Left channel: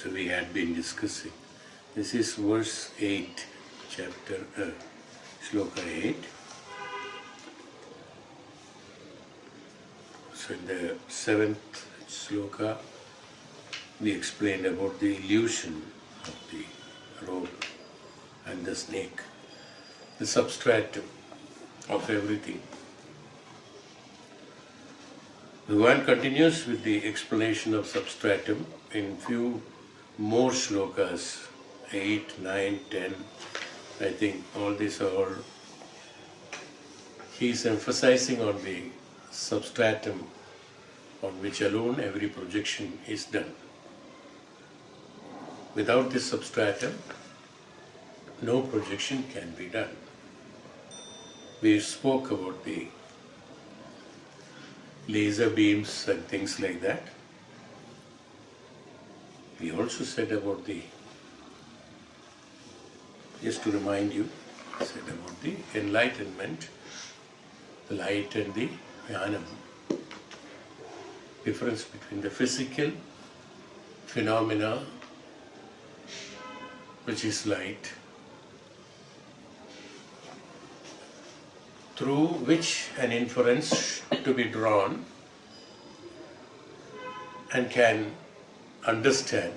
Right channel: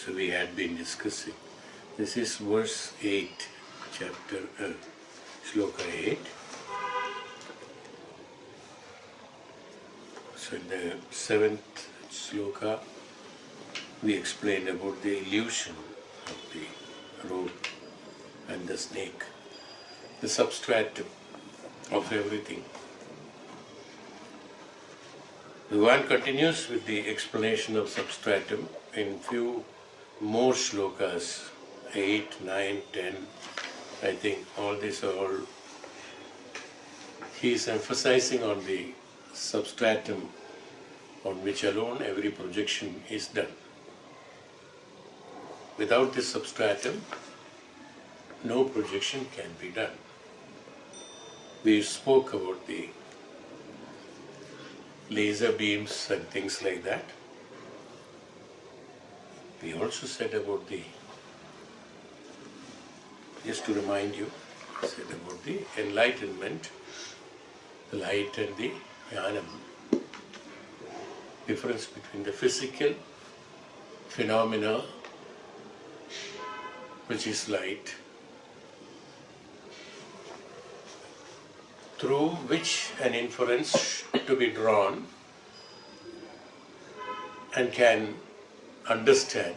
So we had been discussing. This is verse 8, chapter Shloka 8. So in the 7th Shloka, we explained about the illusion of the rope and the snake, the substratum of everything. Bhagavan continues with the explanation of substratum in few more shlokas, 8, 9, 10. I think all these are all, he is emphasizing on the substratum on which alone every projection is done. Without this substratum, no projection can be done. We spoke about the laser beams and things like that. We also said about the, just to remind you, said about the enlightenment, the light and the jnanam. Difference between the physical phenomena, which is light, through which an inference to be drawn and can understand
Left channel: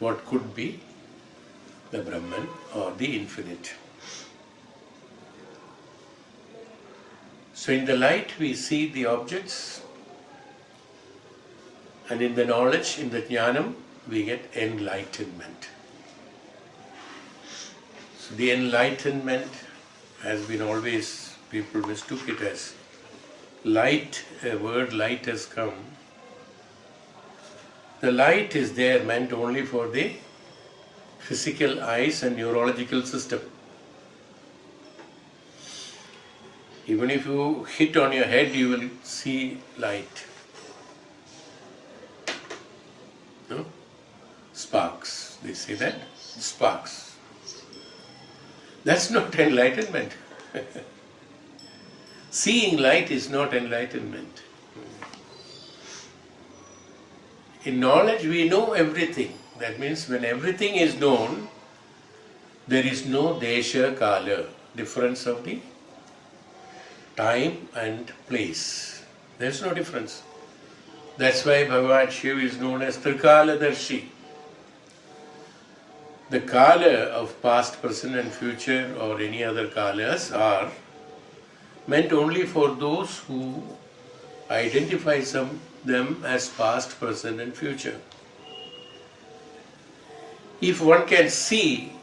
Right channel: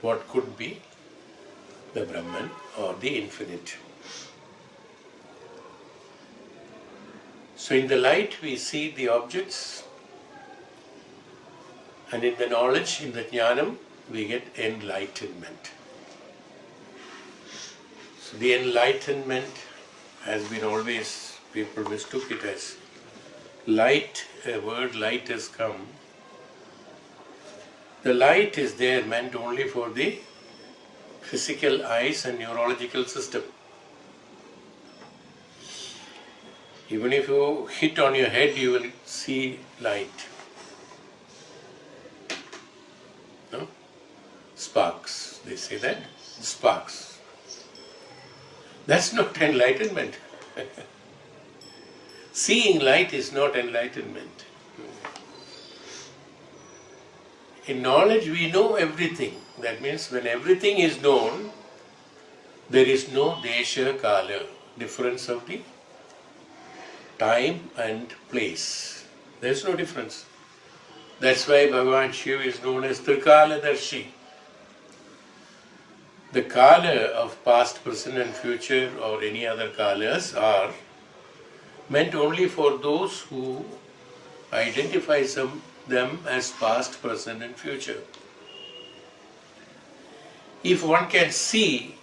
what could be the Brahman or the infinite. So in the light we see the objects, and in the knowledge, in the jnanam, we get enlightenment. So the enlightenment has been always, people mistook it as light, a word light has come. The light is there meant only for the physical eyes and neurological system. Even if you hit on your head, you will see light. No? Sparks, they say that? Sparks. That's not enlightenment. Seeing light is not enlightenment. In knowledge we know everything. That means when everything is known, there is no desha kala, difference of the time and place. There is no difference. That's why Bhagavan Shiva is known as Trikaladarshi. The kala of past, present and future or any other kalas are meant only for those who identify them as past, present and future. If one can see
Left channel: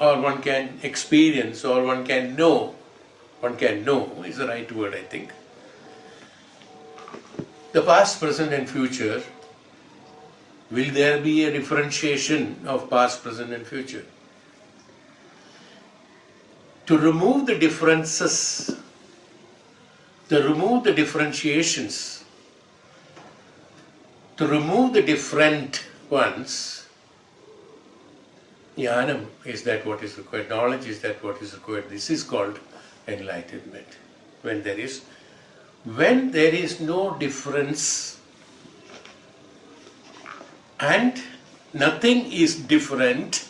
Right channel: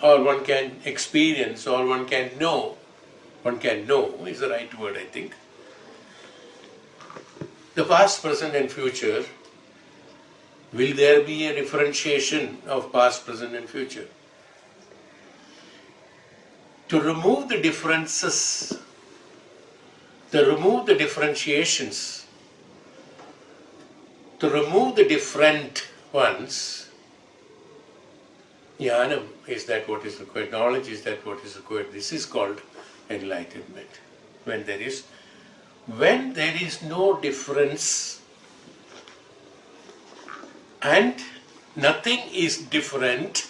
or one can experience or one can know is the right word, I think. The past, present and future, will there be a differentiation of past, present and future? To remove the differences, to remove the differentiations, to remove the different ones, jnanam is that what is required, knowledge is that what is required. This is called enlightenment. When there is no difference and nothing is different,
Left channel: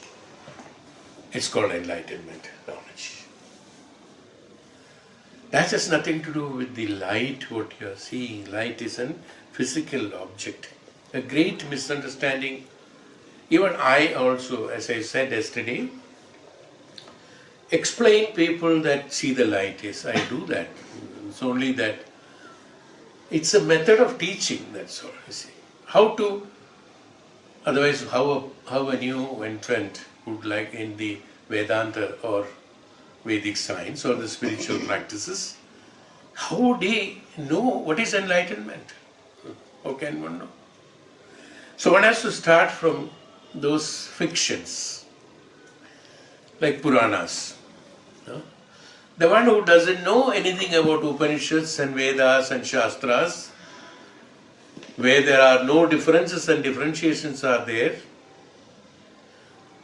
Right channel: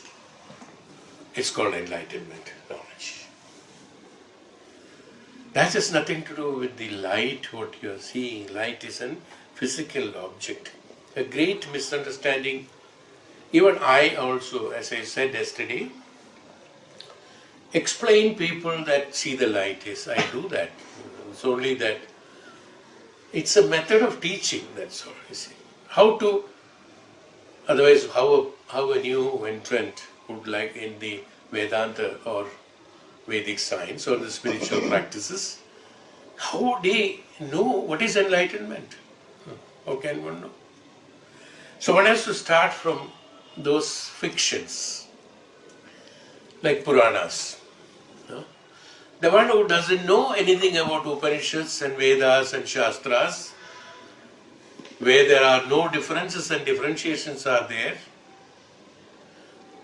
it's called enlightenment, knowledge. That has nothing to do with the light, what you are seeing. Light is a physical object. A great misunderstanding. Even I also, as I said yesterday, explain people that see the light is. I do that. It's only that it's a method of teaching, that's all. You see. How to, otherwise how a new entrant would like in the Vedanta or Vedic science or the spiritual practices, how would he know what is enlightenment? How can one know? So one has to start from those fictions, like Puranas. The one who doesn't know anything about Upanishads and Vedas and Shastras, where there are no differences and differentiations are there,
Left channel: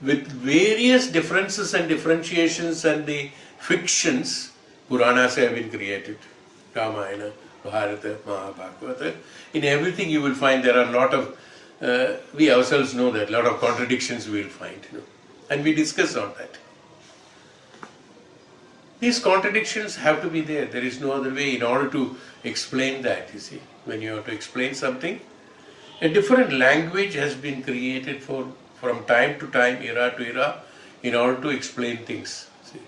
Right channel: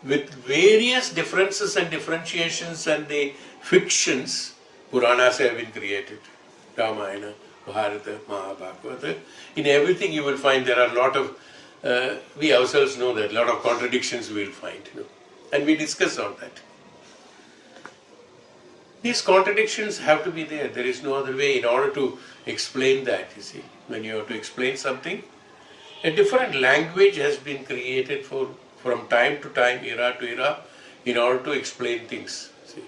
with various differences and differentiations and the fictions, Puranas have been created. Ramayana, Bharata, Mahabharata. In everything you will find there are a lot of we ourselves know that a lot of contradictions we will find, and we discuss on that. These contradictions have to be there. There is no other way in order to explain that, you see. When you have to explain something, a different language has been created from time to time, era to era, in order to explain things. See.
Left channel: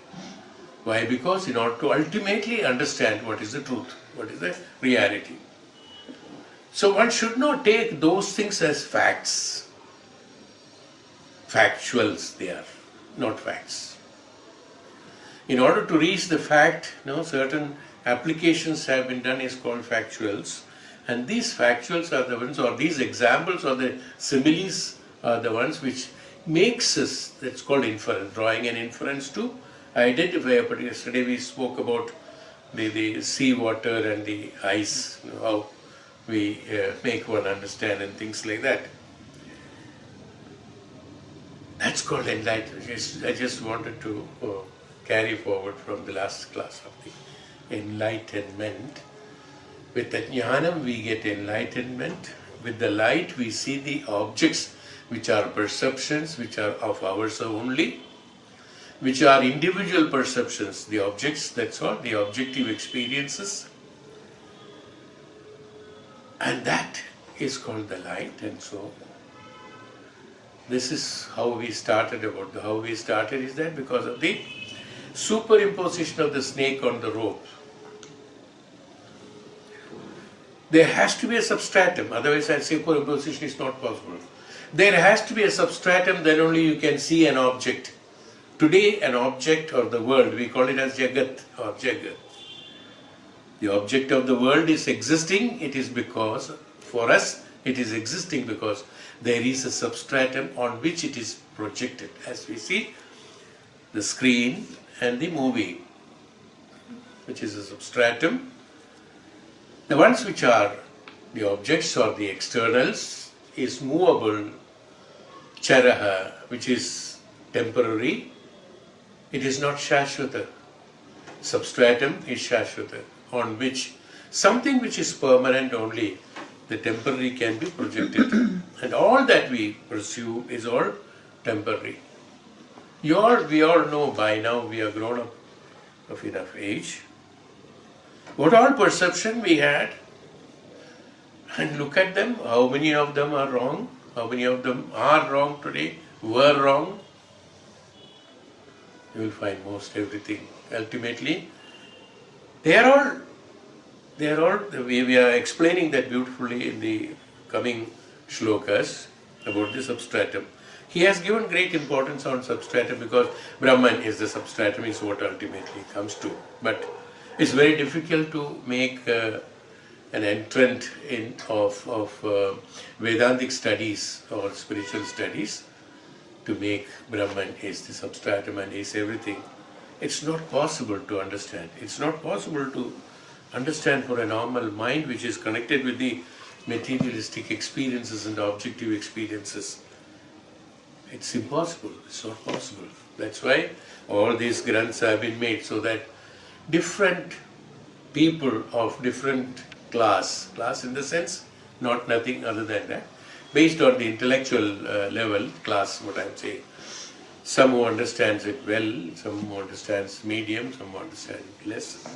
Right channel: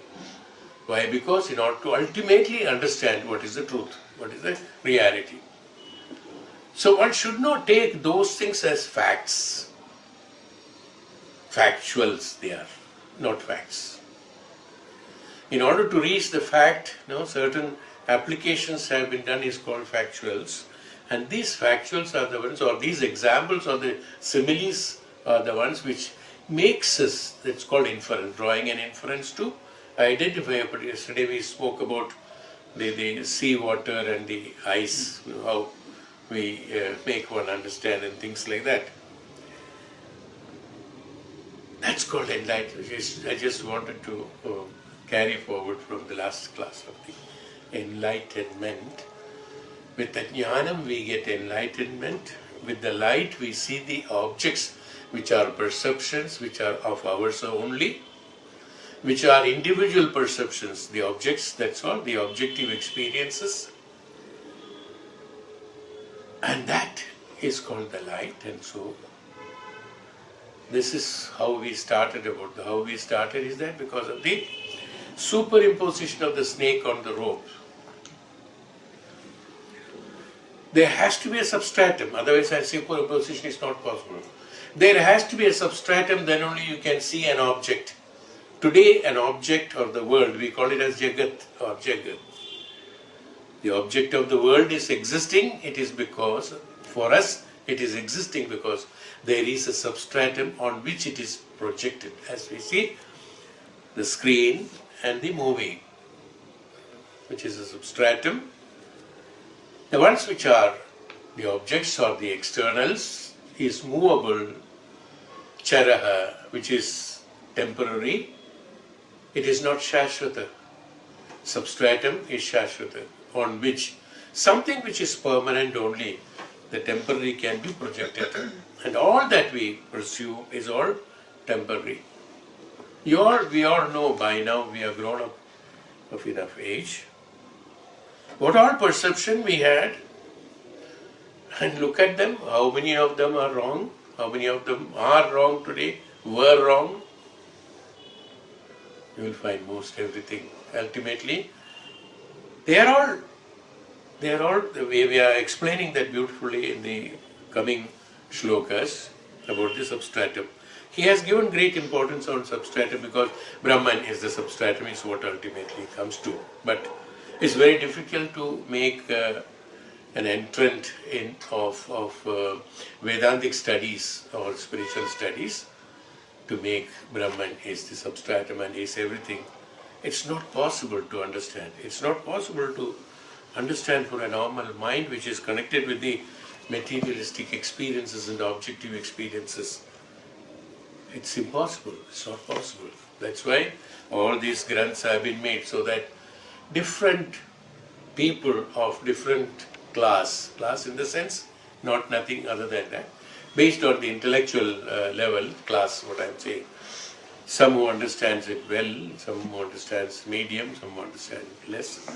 Why? Because in order to ultimately understand what is the truth, what is the reality. So one should not take those things as facts. Factuals they are, not facts. In order to reach the fact, certain applications have been done is called factuals. And these factuals are the ones, or these examples or the similes are the ones which makes us, that's called inference, drawing an inference to identify a particular. Yesterday we spoke about the sea water and the ice, how we make one understand and things like that. That's called enlightenment. I just wanted to carry forward from the last class of the enlightenment. With the jnanam we get enlightenment. With the light we see the objects which are perceptions, which are of ours only, which are individual perceptions, the objects, that's all, the objective experiences. And that is called the light. And so this is how we started. How we started is that because of the superimposition of the snake on the rope. There has to be a substratum, otherwise a superimposition is not possible. There has to be a substratum, then only you can see an object. Today an object of the world, we call it as Jagat or Jagat. The object of the world is existing, it is because, for us, it is existing because there is a substratum on which it is projected. As we see, the screen and the movie, which is a substratum. The ones which are the objects or the externals is movable, charaha, which is temporary. It is not shashvata. Substratum is shashvata, on which something which is permanent only, the temporary can be projected. And all that we pursue is all temporary. We all know by now, we are grown up of enough age, what all perception we had, and look at them, how many of them are wrong, how many of them are wrong today, were wrong. You will find most everything. Ultimately, they are all, we are explaining that beautifully in the coming shlokas about the substratum. He has given great importance on substratum because Brahman is the substratum, is what ultimately comes to. But it's very difficult to make an entrant of Vedantic studies or spiritual studies to make Brahman is the substratum and is everything. It's not possible to understand. It's not possible to understand for a normal mind which is connected with the materialistic experiences and objective experiences. It's impossible. It's not possible. That's why all these granths have been made so that different people of different class in the sense, not nothing other than that, based on the intellectual level, class, what I'm saying. Some who understands it well, some who understands medium, some who understand less.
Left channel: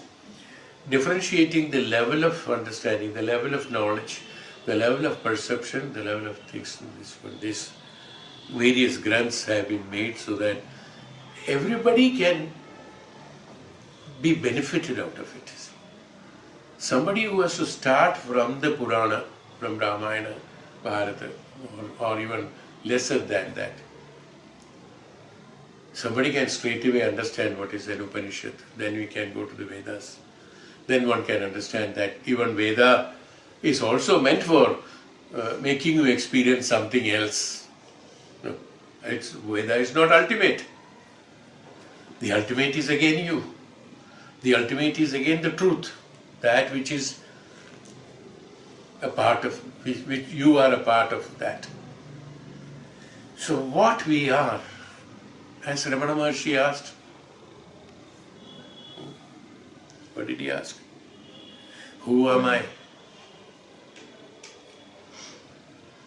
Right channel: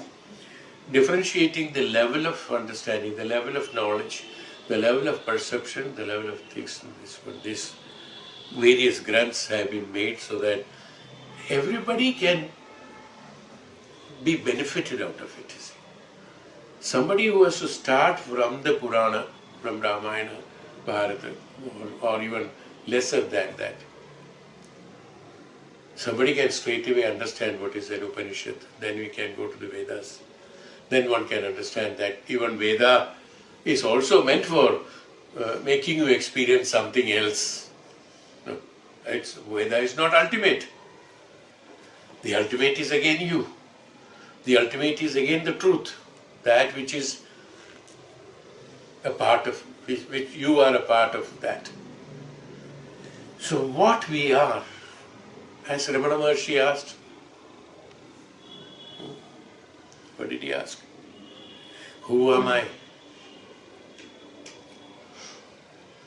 Differentiating the level of understanding, the level of knowledge, the level of perception, the level of things. These various granths have been made so that everybody can be benefited out of it. Somebody who has to start from the Purana, from Ramayana, Bharata, or even lesser than that. Somebody can straight away understand what is an Upanishad, then we can go to the Vedas. Then one can understand that even Veda is also meant for making you experience something else. No, Veda is not ultimate. The ultimate is again you. The ultimate is again the truth, that which is a part of, which you are a part of that. So what we are, as Ramana Maharshi asked, what did he ask? Who am I?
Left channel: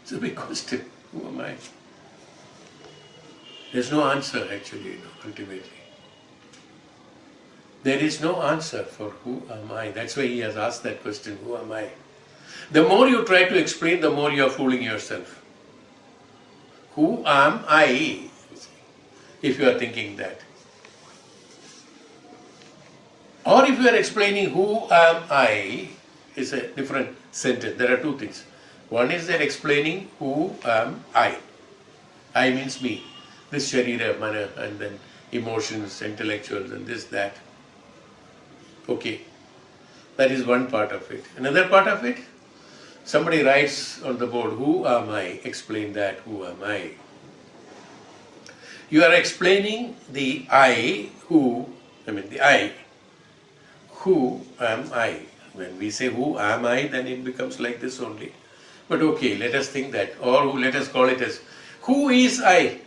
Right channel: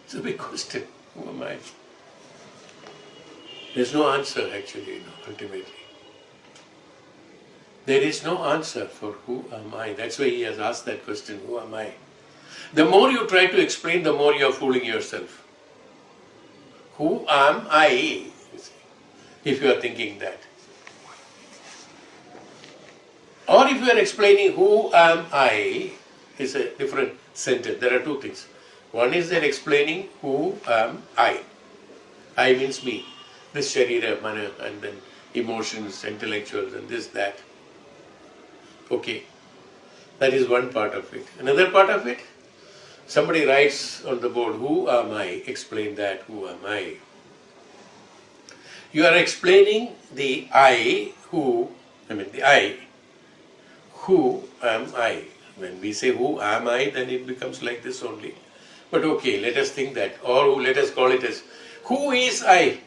It's a big question. Who am I? There's no answer actually, ultimately. There is no answer for who am I. That's why he has asked that question, who am I? The more you try to explain, the more you are fooling yourself. Who am I? If you are thinking that. Or if you are explaining who am I, is a different sentence. There are two things. One is that explaining who am I. I means me. This sharira, mana, and then emotions, intellectuals, and this, that. Okay. That is one part of it. Another part of it, somebody writes on the board, who am I? Explain that, who am I? You are explaining the I, who am I? When we say who am I, then it becomes like this only. But okay, let us think that, or let us call it as, who is I?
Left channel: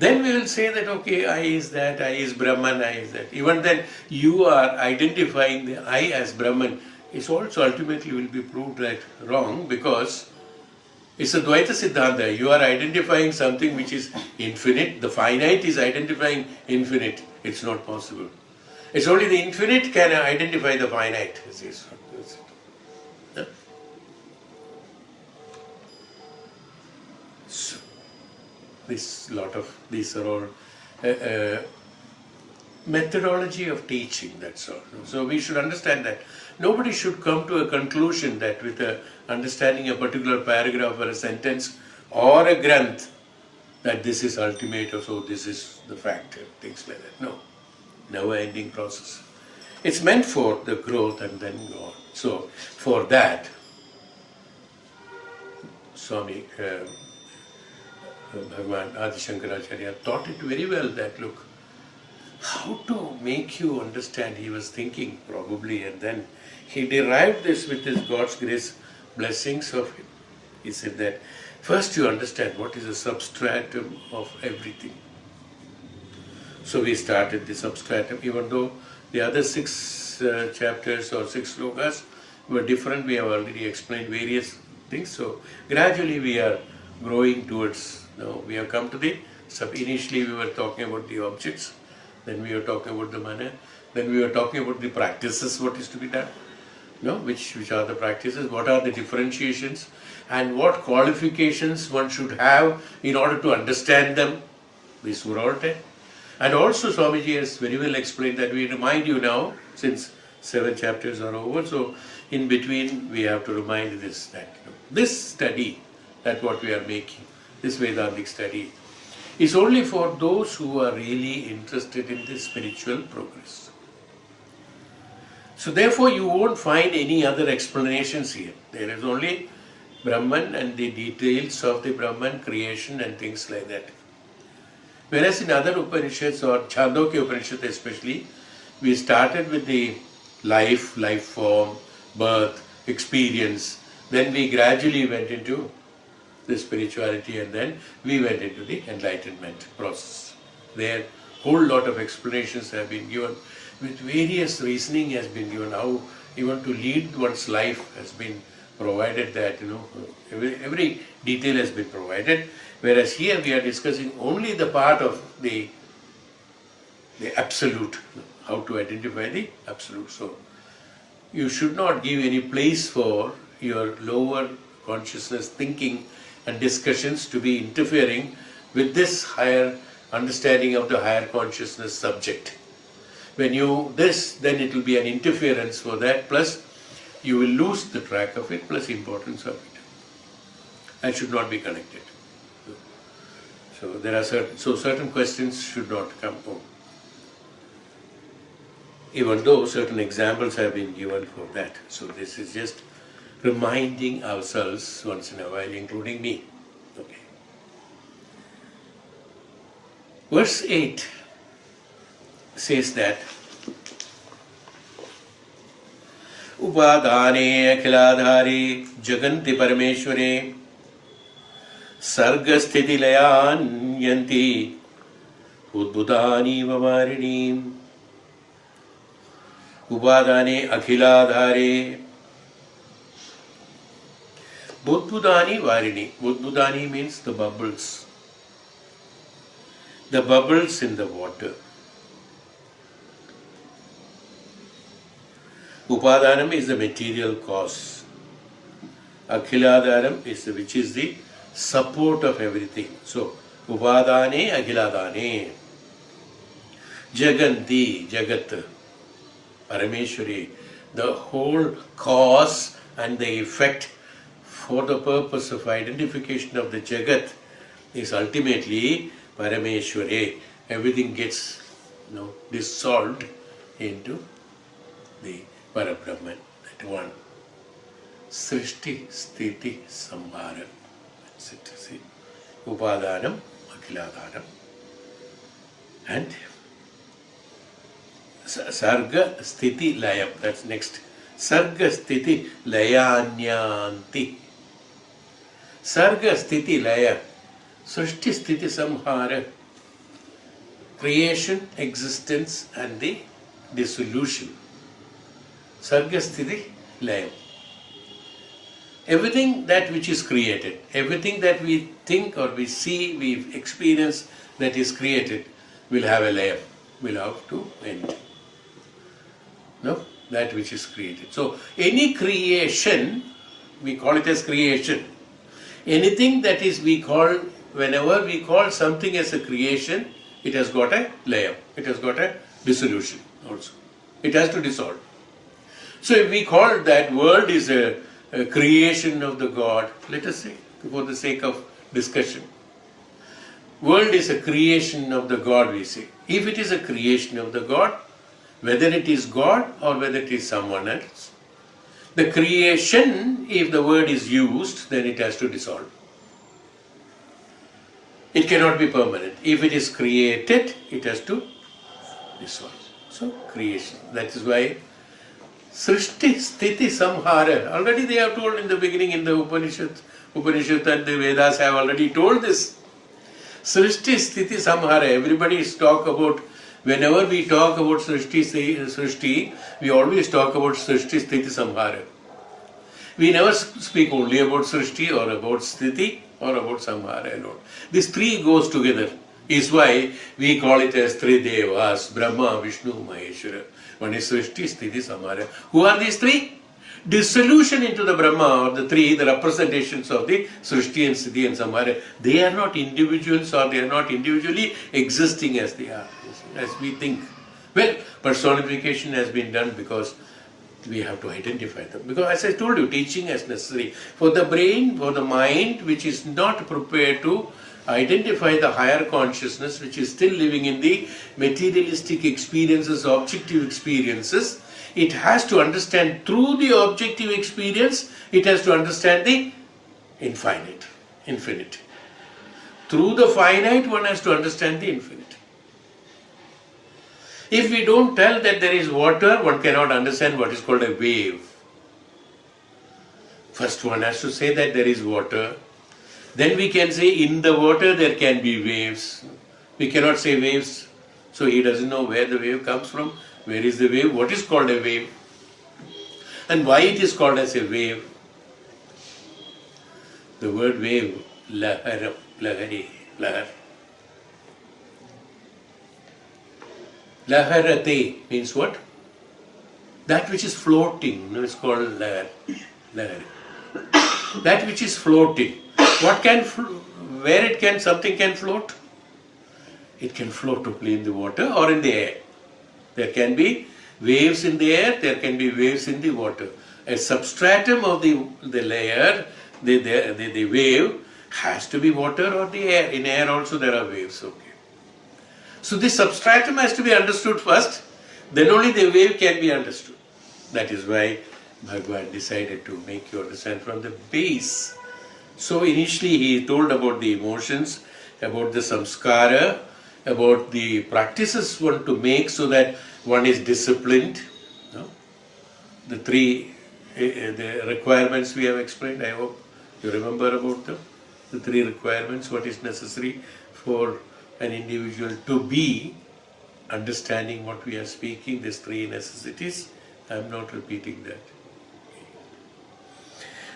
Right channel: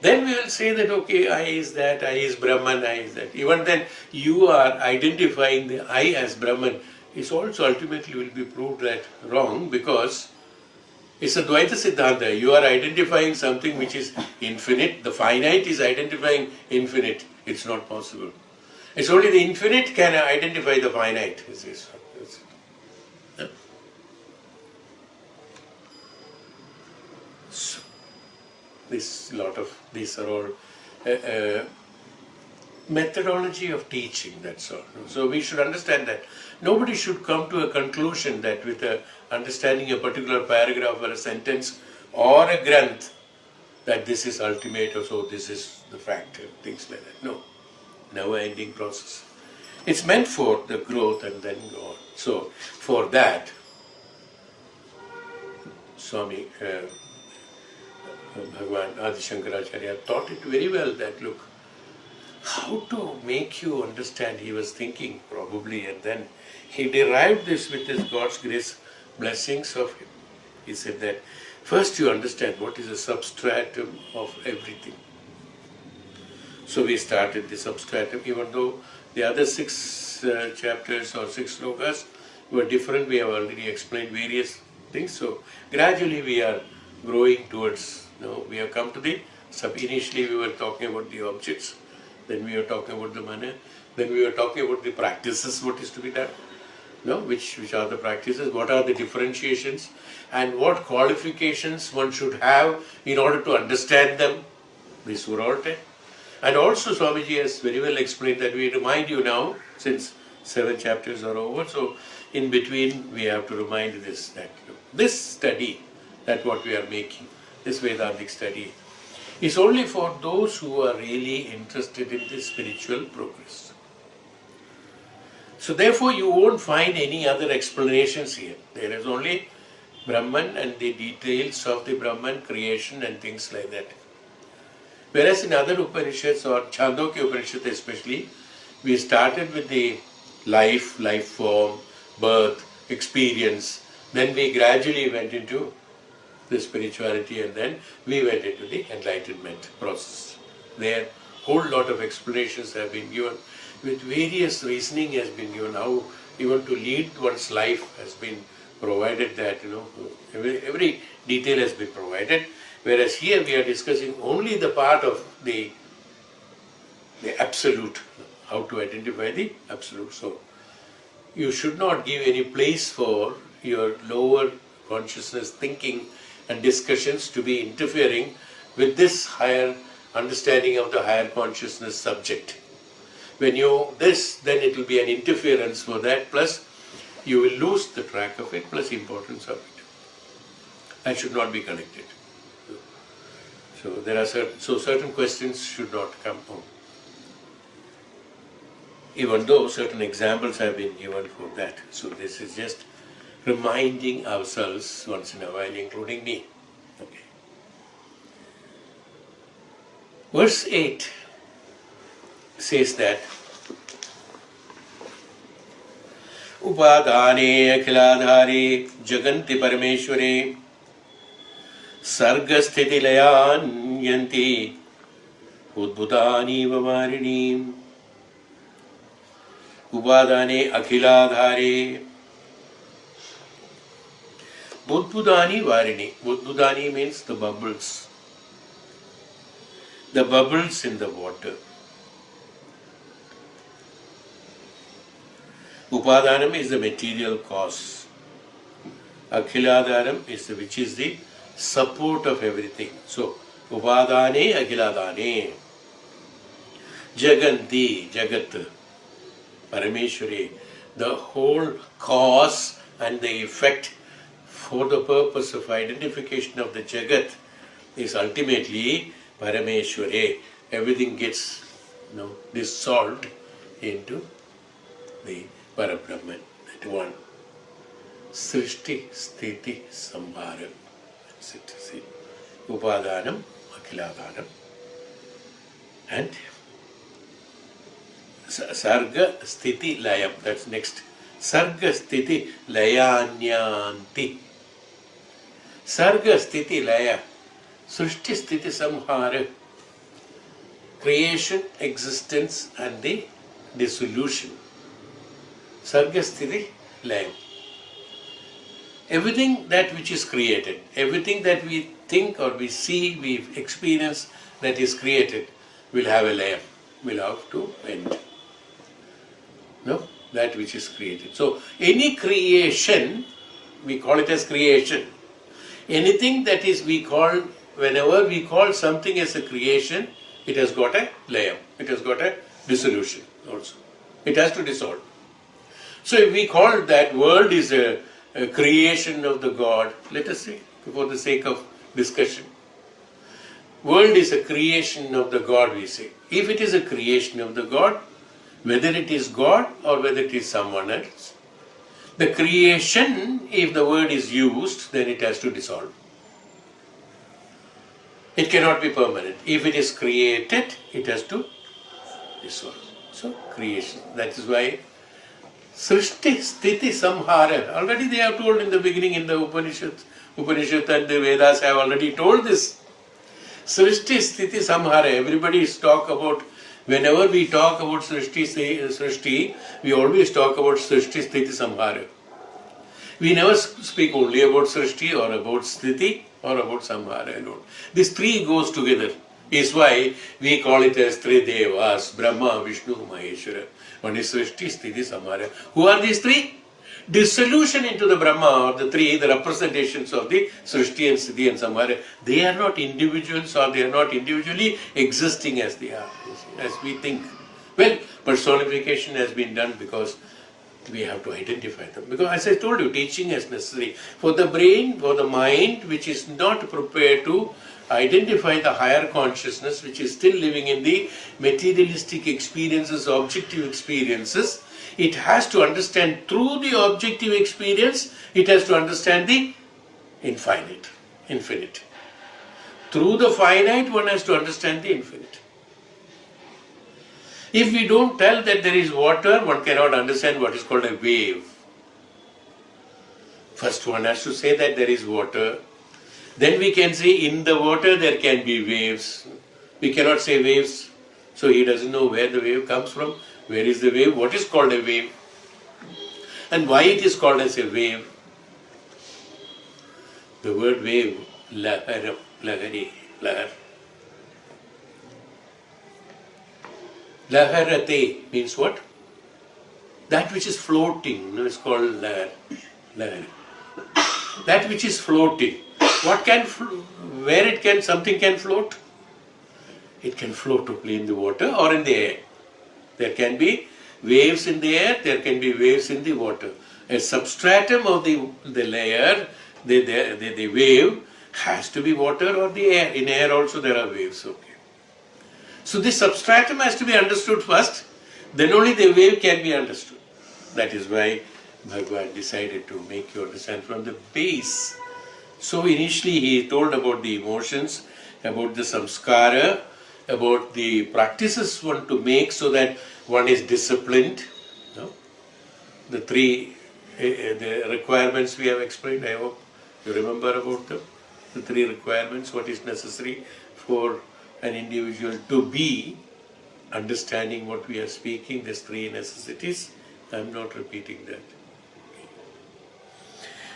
Then we will say that, okay, I is that, I is Brahman, I is that. Even then, you are identifying the I as Brahman. It's also ultimately will be proved that wrong, because it's a Dvaita Siddhanta. You are identifying something which is infinite. The finite is identifying infinite. It's not possible. It's only the infinite can identify the finite. So, these are all methodology of teaching, that's all. So we should understand that. Nobody should come to a conclusion that with understanding a particular paragraph or a sentence or a granth, that this is ultimate or so, this is the fact, things like that. No, never-ending process. It's meant for the growth and then go on. So for that, Swami Bh.Aadi Sankaracharya taught it very well that, look, how to make you understand. He was thinking probably, and then he derived this with his God's grace, blessings of him. He said that first you understand what is the substratum of everything. So we started the substratum, even though the other 6 chapters or 6 slokas were different. We have already explained various things. So gradually we are growing towards, we have come to the initially we were talking about the objects, then we were talking about the manner, then we were talking about the practices, what is to be done, which are the practices, what are the differentiations, and what qualifications one should have in order to understand them. These were all 10. And also Swamiji has very well explained that we remind you now, since 7 chapters are over, so in between we have to remind this, that this study, that what we are making, this Vedantic study, is only for those who are really interested in this spiritual progress. So therefore you won't find any other explanations here. There is only Brahman and the details of the Brahman, creation and things like that. Whereas in other Upanishads, or Chandogya Upanishad especially, we started with the life form, birth, experience, then we gradually went into the spirituality, and then we went into the enlightenment process. There whole lot of explanations have been given, with various reasoning has been given, how even to lead one's life has been provided, that every detail has been provided. Whereas here we are discussing only the part of the absolute, how to identify the absolute. So you should not give any place for your lower consciousness thinking and discussions to be interfering with this higher understanding of the higher consciousness subject. When you then it will be an interference for that, plus you will lose the track of it, plus importance of it. That should not be connected. So there are certain questions should not come home. Even though certain examples have been given for that. So this is just reminding ourselves once in a while, including me. Okay. Verse 8 says that Upadane akhiladhare jaganti parameshware sargasthiti layan yanti udbudani vamarinim. Upadane akhiladhare, Budbudani Varini. Budbudani means the bubbles. The bubbles in the water. Upadanam is the material cause. Akhiladhanam is which is the support of everything. So, Upadane, Akhiladane. Jaganti, Jagat, Parameshwari. The whole cause and the effect for the purpose of identification of the Jagat is ultimately Parameshwari. Everything gets dissolved into the Parabrahman, that one. Srishti, Sthiti, Samhara. That's it. See? Upadhanam, Akhiladhanam. And Sarga, Sthiti, Layam. That's next. Sarga, Sthiti, Layanyanti. Sarga, Sthiti, Laya. Srishti, Sthiti, Samhara. Creation, existence, and the dissolution. Sarga, Sthiti, Layam. Everything that which is created, everything that we think or we see, we experience that is created will have a layam, will have to end. No? That which is created. So, any creation, we call it as creation. Anything that is whenever we call something as a creation, it has got a layam, it has got a dissolution also. It has to dissolve. So, if we call that world is a creation of the God, let us say, for the sake of discussion. World is a creation of the God, we say. If it is a creation of the God, whether it is God or whether it is someone else, the creation, if the word is used, then it has to dissolve. It cannot be permanent. If it is created, it has to dissolve. So, creation. That is why Srishti, Sthiti, Samhara. Already they have told in the beginning in the Upanishad and the Vedas have already told this. Srishti, Sthiti, Samhara. Everybody talk about, whenever we talk about Srishti, we always talk about Srishti, Sthiti, Samhara. We never speak only about Srishti or about Sthiti or about Samhara alone. These three goes together. Is why we call it as three Devas, Brahma, Vishnu, Maheshwara. One is Srishti, Sthiti, Samhara. Who are these three? Dissolution into the Brahma, or the three, the representations of the Srishti and Sthiti and Samhara. They are not individuals, or they are not individually existing as they are, as we think. Well, personification has been done because we have to identify them. Because as I told you, teaching is necessary. For the brain, for the mind, which is not prepared to identify the higher consciousness, which is still living in the materialistic experiences, objective experiences, it has to understand through the objective experience, it has to understand the infinite. Through the finite, one has to understand the infinite. If we don't tell that there is water, one cannot understand what is called a wave. First one has to say that there is water. Then we can say in the water there can be waves. We cannot say waves. So he doesn't know where the wave comes from. Where is the wave? What is called a wave? And why it is called as a wave? The word wave, lahar, lahari, lahar. Laharate means what? That which is floating is called lahar. That which is floating. What can, where something can float? It can float only in the water or in the air. There can be waves in the air, there can be waves in the water. A substratum of the layer, the wave, has to be water or the air. In air also there are waves. Okay. So this substratum has to be understood first, then only the wave can be understood. That is why Bhagavan decided to make you understand from the base. So initially he told about the emotions, about the samskara, about the practices one to make so that one is disciplined. No? The three the requirements we have explained, I hope you remember about them. The three requirements, what is necessary for an individual to be understanding what we are speaking, these three necessities. I am not repeating that.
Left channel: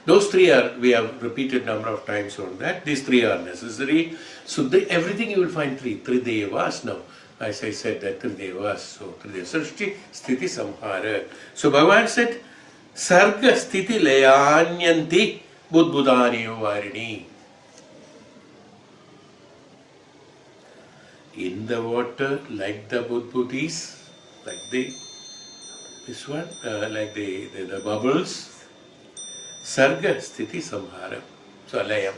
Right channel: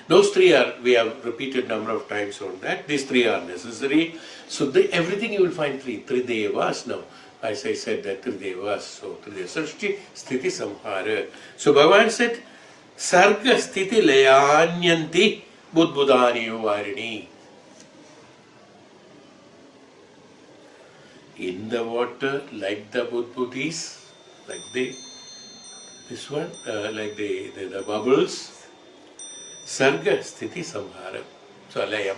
Those three are, we have repeated number of times on that. These three are necessary. So everything you will find three devas now. As I said, that three devas. So three Srishti, Sthiti, Samhara. So Bhagavan said, Sarga Sthiti Layanyanti Budbudani Varini. In the water, like the Budbudis, like this one, like the bubbles. Sarga Sthiti Samhara. So Alayam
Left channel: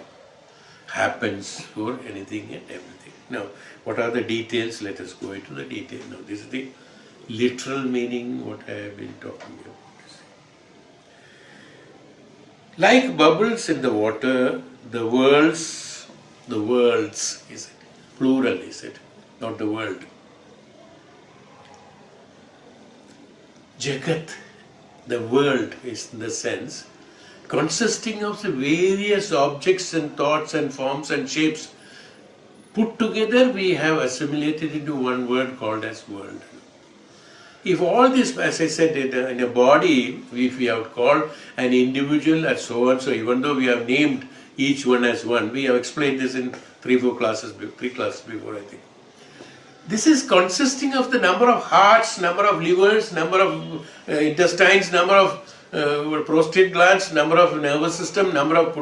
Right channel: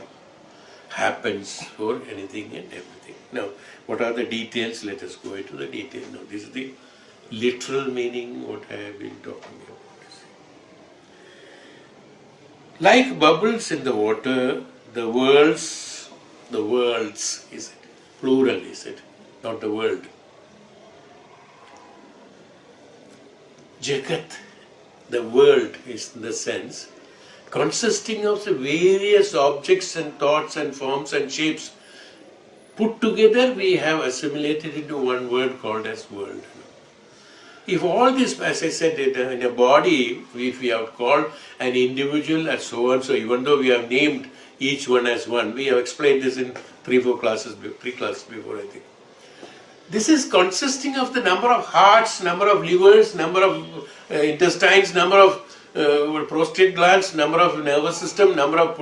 happens for anything and everything. Now, what are the details? Let us go into the detail. Now, this is the literal meaning what I have been talking about. Like bubbles in the water, the worlds is it? Plural is it? Not the world. Jagat, the world is the sense, consisting of the various objects and thoughts and forms and shapes put together, we have assimilated into one word called as world. If all this, as I said, in a body, if we have called an individual as so and so, even though we have named each one as one, we have explained this in 3 classes before, I think. This is consisting of the number of hearts, number of livers, number of intestines, number of prostate glands, number of nervous system, number of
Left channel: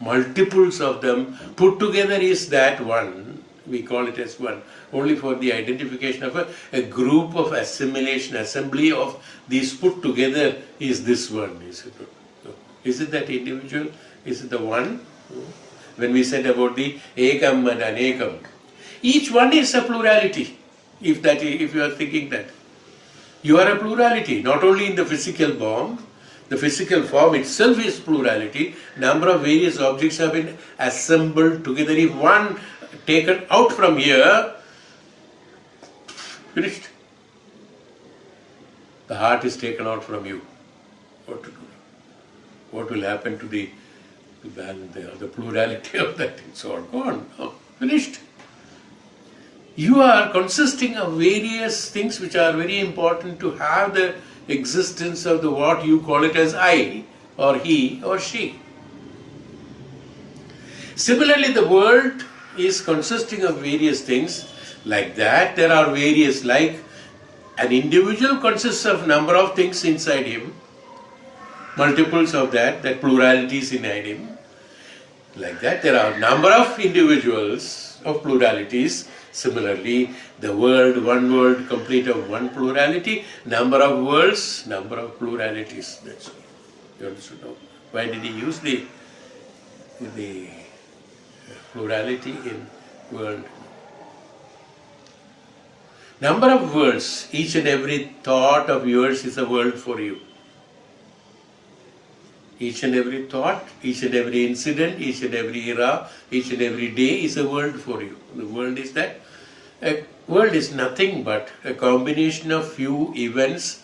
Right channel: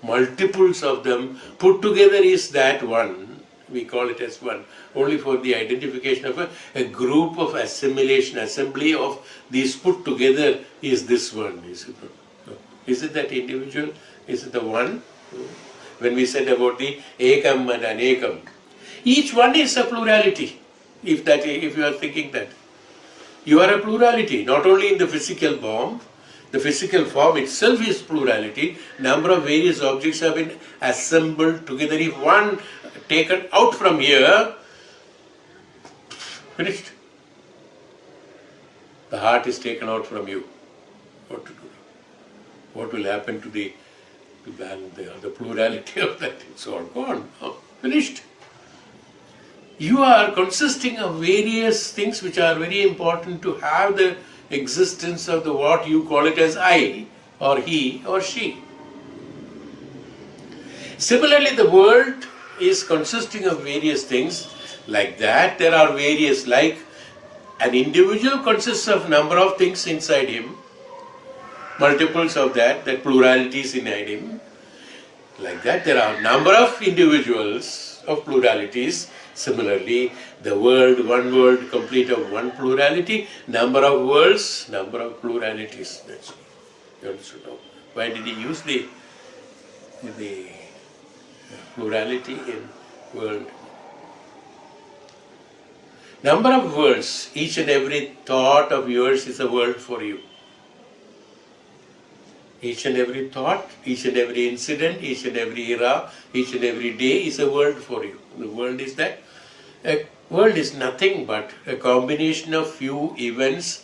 multiples of them put together is that one. We call it as one. Only for the identification of a group of assimilation, assembly of these put together is this one. Is it that individual? Is it the one? When we said about the ekam and anekam, each one is a plurality. If you are thinking that, you are a plurality, not only in the physical form. The physical form itself is plurality. Number of various objects have been assembled together. If one taken out from here, finished. The heart is taken out from you. What to do? What will happen to the plurality of that? It's all gone. Finished. You are consisting of various things which are very important to have the existence of the what you call it as I or he or she. Similarly, the world is consisting of various things like that. There are various, like an individual consists of number of things inside him, multiples of that pluralities inside him. Like that, there are number of individuals of pluralities. Similarly, the world, one world complete of one plurality, number of worlds, number of pluralities. That's all. You understand now? Why did he use the plurality in world? Number of worlds, each and every thought of yours is a world for you. Each and every thought, each and every incident, each and every era, each and every day is a world for you. The world is that. A world is nothing but a combination of few events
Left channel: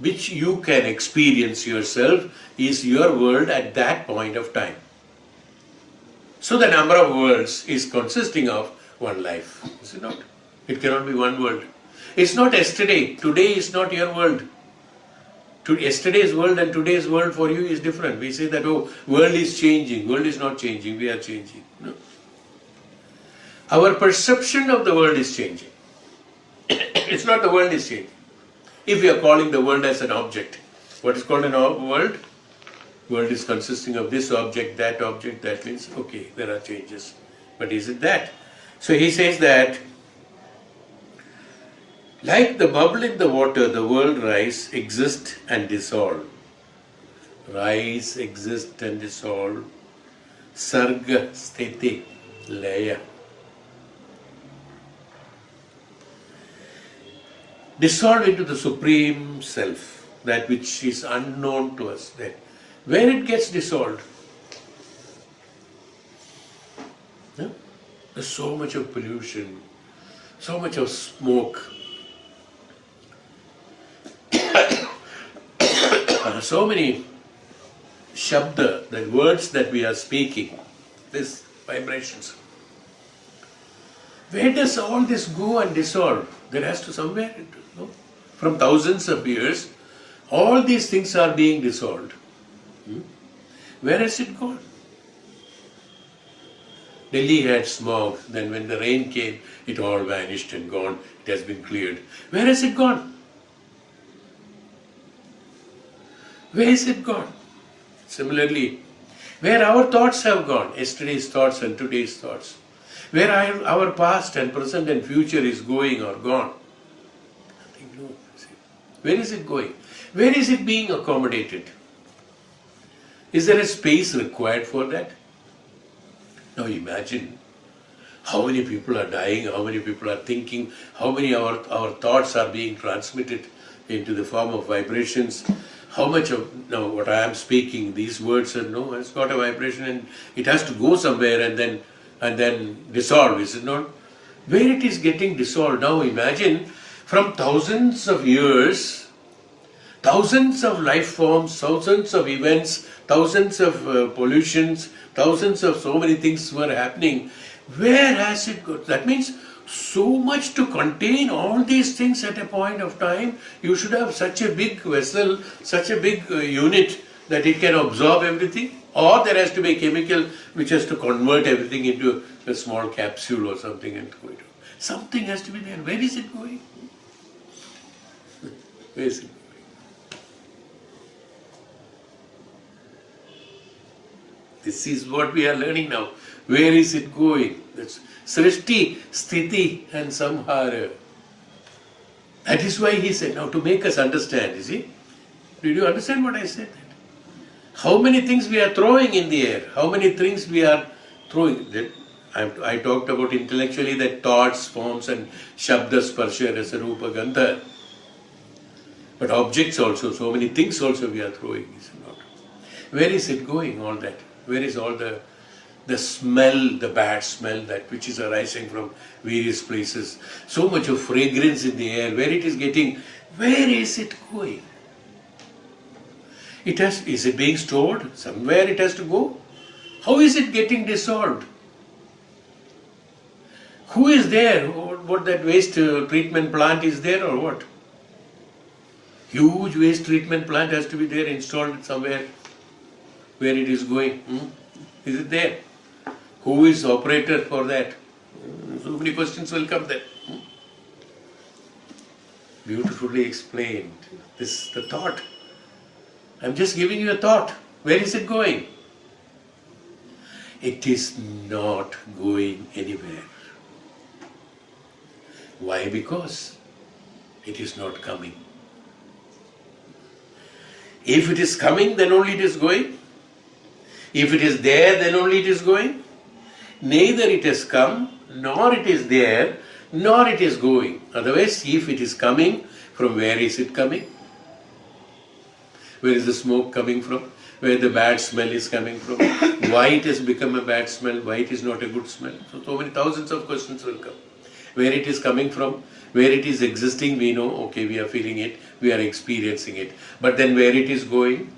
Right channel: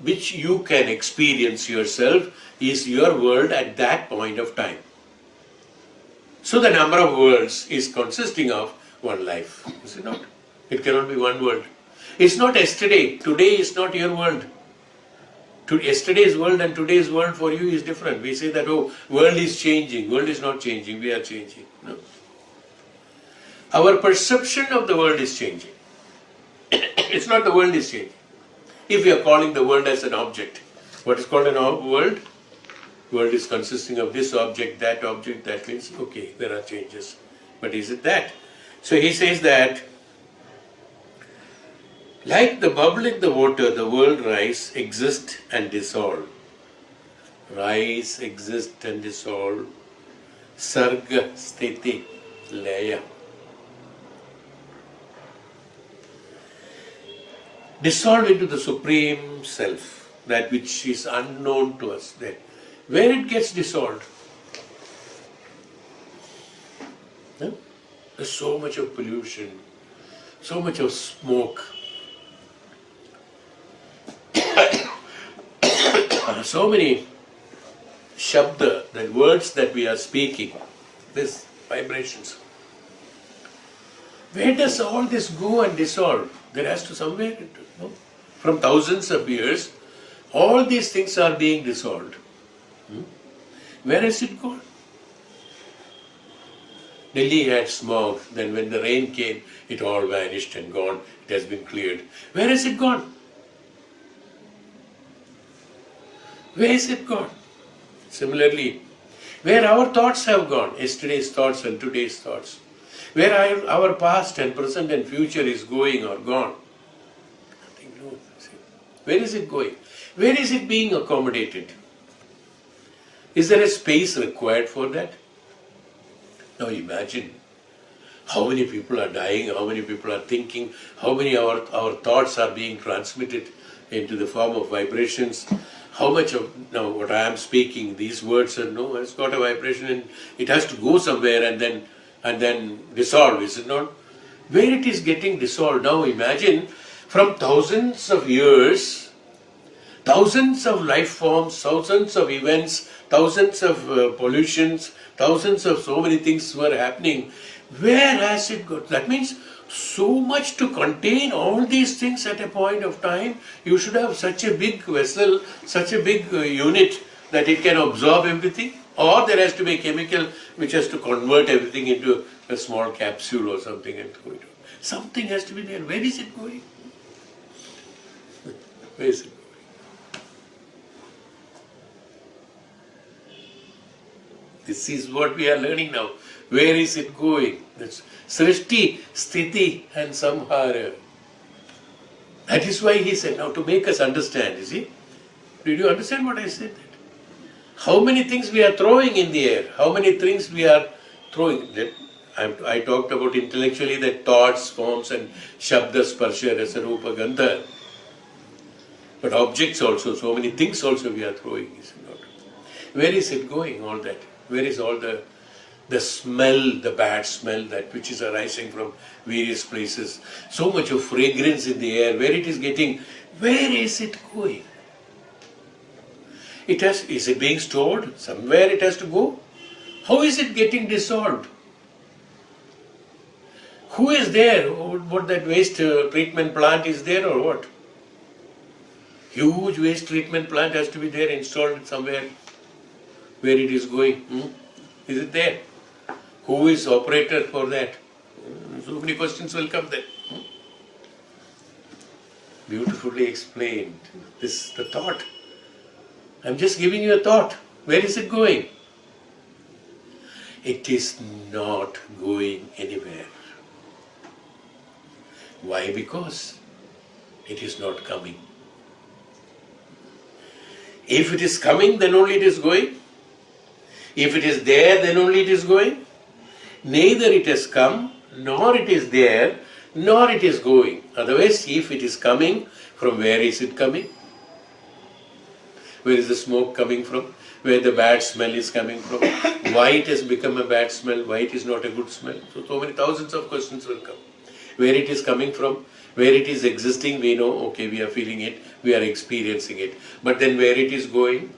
which you can experience yourself is your world at that point of time. So the number of worlds is consisting of one life. Is it not? It cannot be one world. It's not yesterday. Today is not your world. Yesterday's world and today's world for you is different. We say that, oh, world is changing. World is not changing. We are changing. No. Our perception of the world is changing. It's not the world is changing. If we are calling the world as an object, what is called a world? World is consisting of this object, that means, okay, there are changes. But is it that? So he says that, like the bubble in the water, the world rise, exist and dissolve. Rise, exist and dissolve. Sarga, sthiti, laya. Dissolve into the Supreme Self, that which is unknown to us there. Where it gets dissolved? Yeah? There's so much of pollution, so much of smoke, so many shabda, that words that we are speaking, these vibrations. Where does all this go and dissolve? There has to somewhere, no? From thousands of years, all these things are being dissolved. Where has it gone? Delhi had smog, then when the rain came, it all vanished and gone. It has been cleared. Where has it gone? Where is it gone? Similarly, where our thoughts have gone, yesterday's thoughts and today's thoughts, where our past and present and future is going or gone. Nothing knows. Where is it going? Where is it being accommodated? Is there a space required for that? Now imagine how many people are dying, how many people are thinking, how many our thoughts are being transmitted into the form of vibrations. How much of now what I am speaking, these words are no, it's got a vibration and it has to go somewhere and then dissolve, is it not? Where it is getting dissolved. Now imagine from thousands of years, thousands of life forms, thousands of events, thousands of pollutions, thousands of so many things were happening. Where has it got? That means so much to contain all these things at a point of time. You should have such a big vessel, such a big unit that it can absorb everything. Or there has to be a chemical which has to convert everything into a small capsule or something and throw it out. Something has to be there. Where is it going? Where is it going? This is what we are learning now. Where is it going? That's Srishti, Sthiti and Samhara. That is why he said, now to make us understand, you see. Did you understand what I said? How many things we are throwing in the air? How many things we are throwing? I talked about intellectually that thoughts, forms and Shabda, Sparsha, Rasa, Rupa, Gandha. But objects also, so many things also we are throwing. Where is it going, all that? Where is all the smell, the bad smell, that which is arising from various places? So much of fragrance in the air, where it is getting, where is it going? Is it being stored? Somewhere it has to go. How is it getting dissolved? Who is there? What that waste treatment plant is there or what? Huge waste treatment plant has to be there, installed somewhere. Where it is going? Is it there? Who is operator for that? So many questions will come there. Beautifully explained. This the thought. I'm just giving you a thought. Where is it going? It is not going anywhere. Why? Because it is not coming. If it is coming, then only it is going. If it is there, then only it is going. Neither it has come, nor it is there, nor it is going. Otherwise, if it is coming, from where is it coming? Where is the smoke coming from? Where the bad smell is coming from? Why it has become a bad smell? Why it is not a good smell? So many thousands of questions will come. Where it is coming from? Where it is existing, we know, okay, we are feeling it, we are experiencing it. But then where it is going?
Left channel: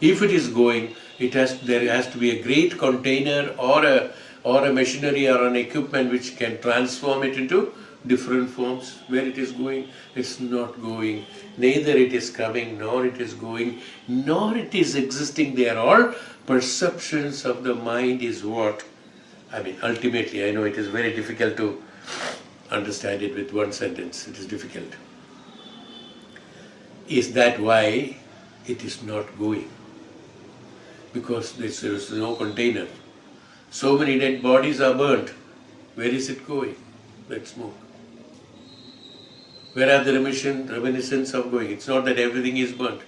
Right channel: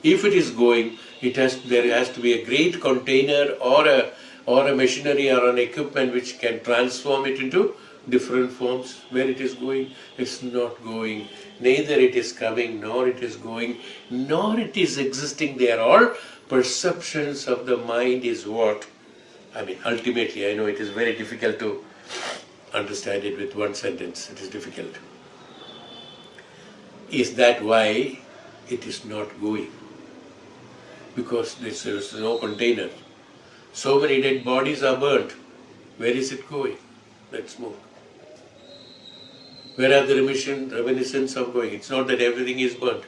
If it is going, there has to be a great container or a machinery or an equipment which can transform it into different forms. Where it is going, it's not going. Neither it is coming, nor it is going, nor it is existing. They are all perceptions of the mind is what? I mean, ultimately, I know it is very difficult to understand it with one sentence. It is difficult. Is that why it is not going? Because there is no container. So many dead bodies are burnt. Where is it going? That smoke. Where are the reminiscence of going? It's not that everything is burnt.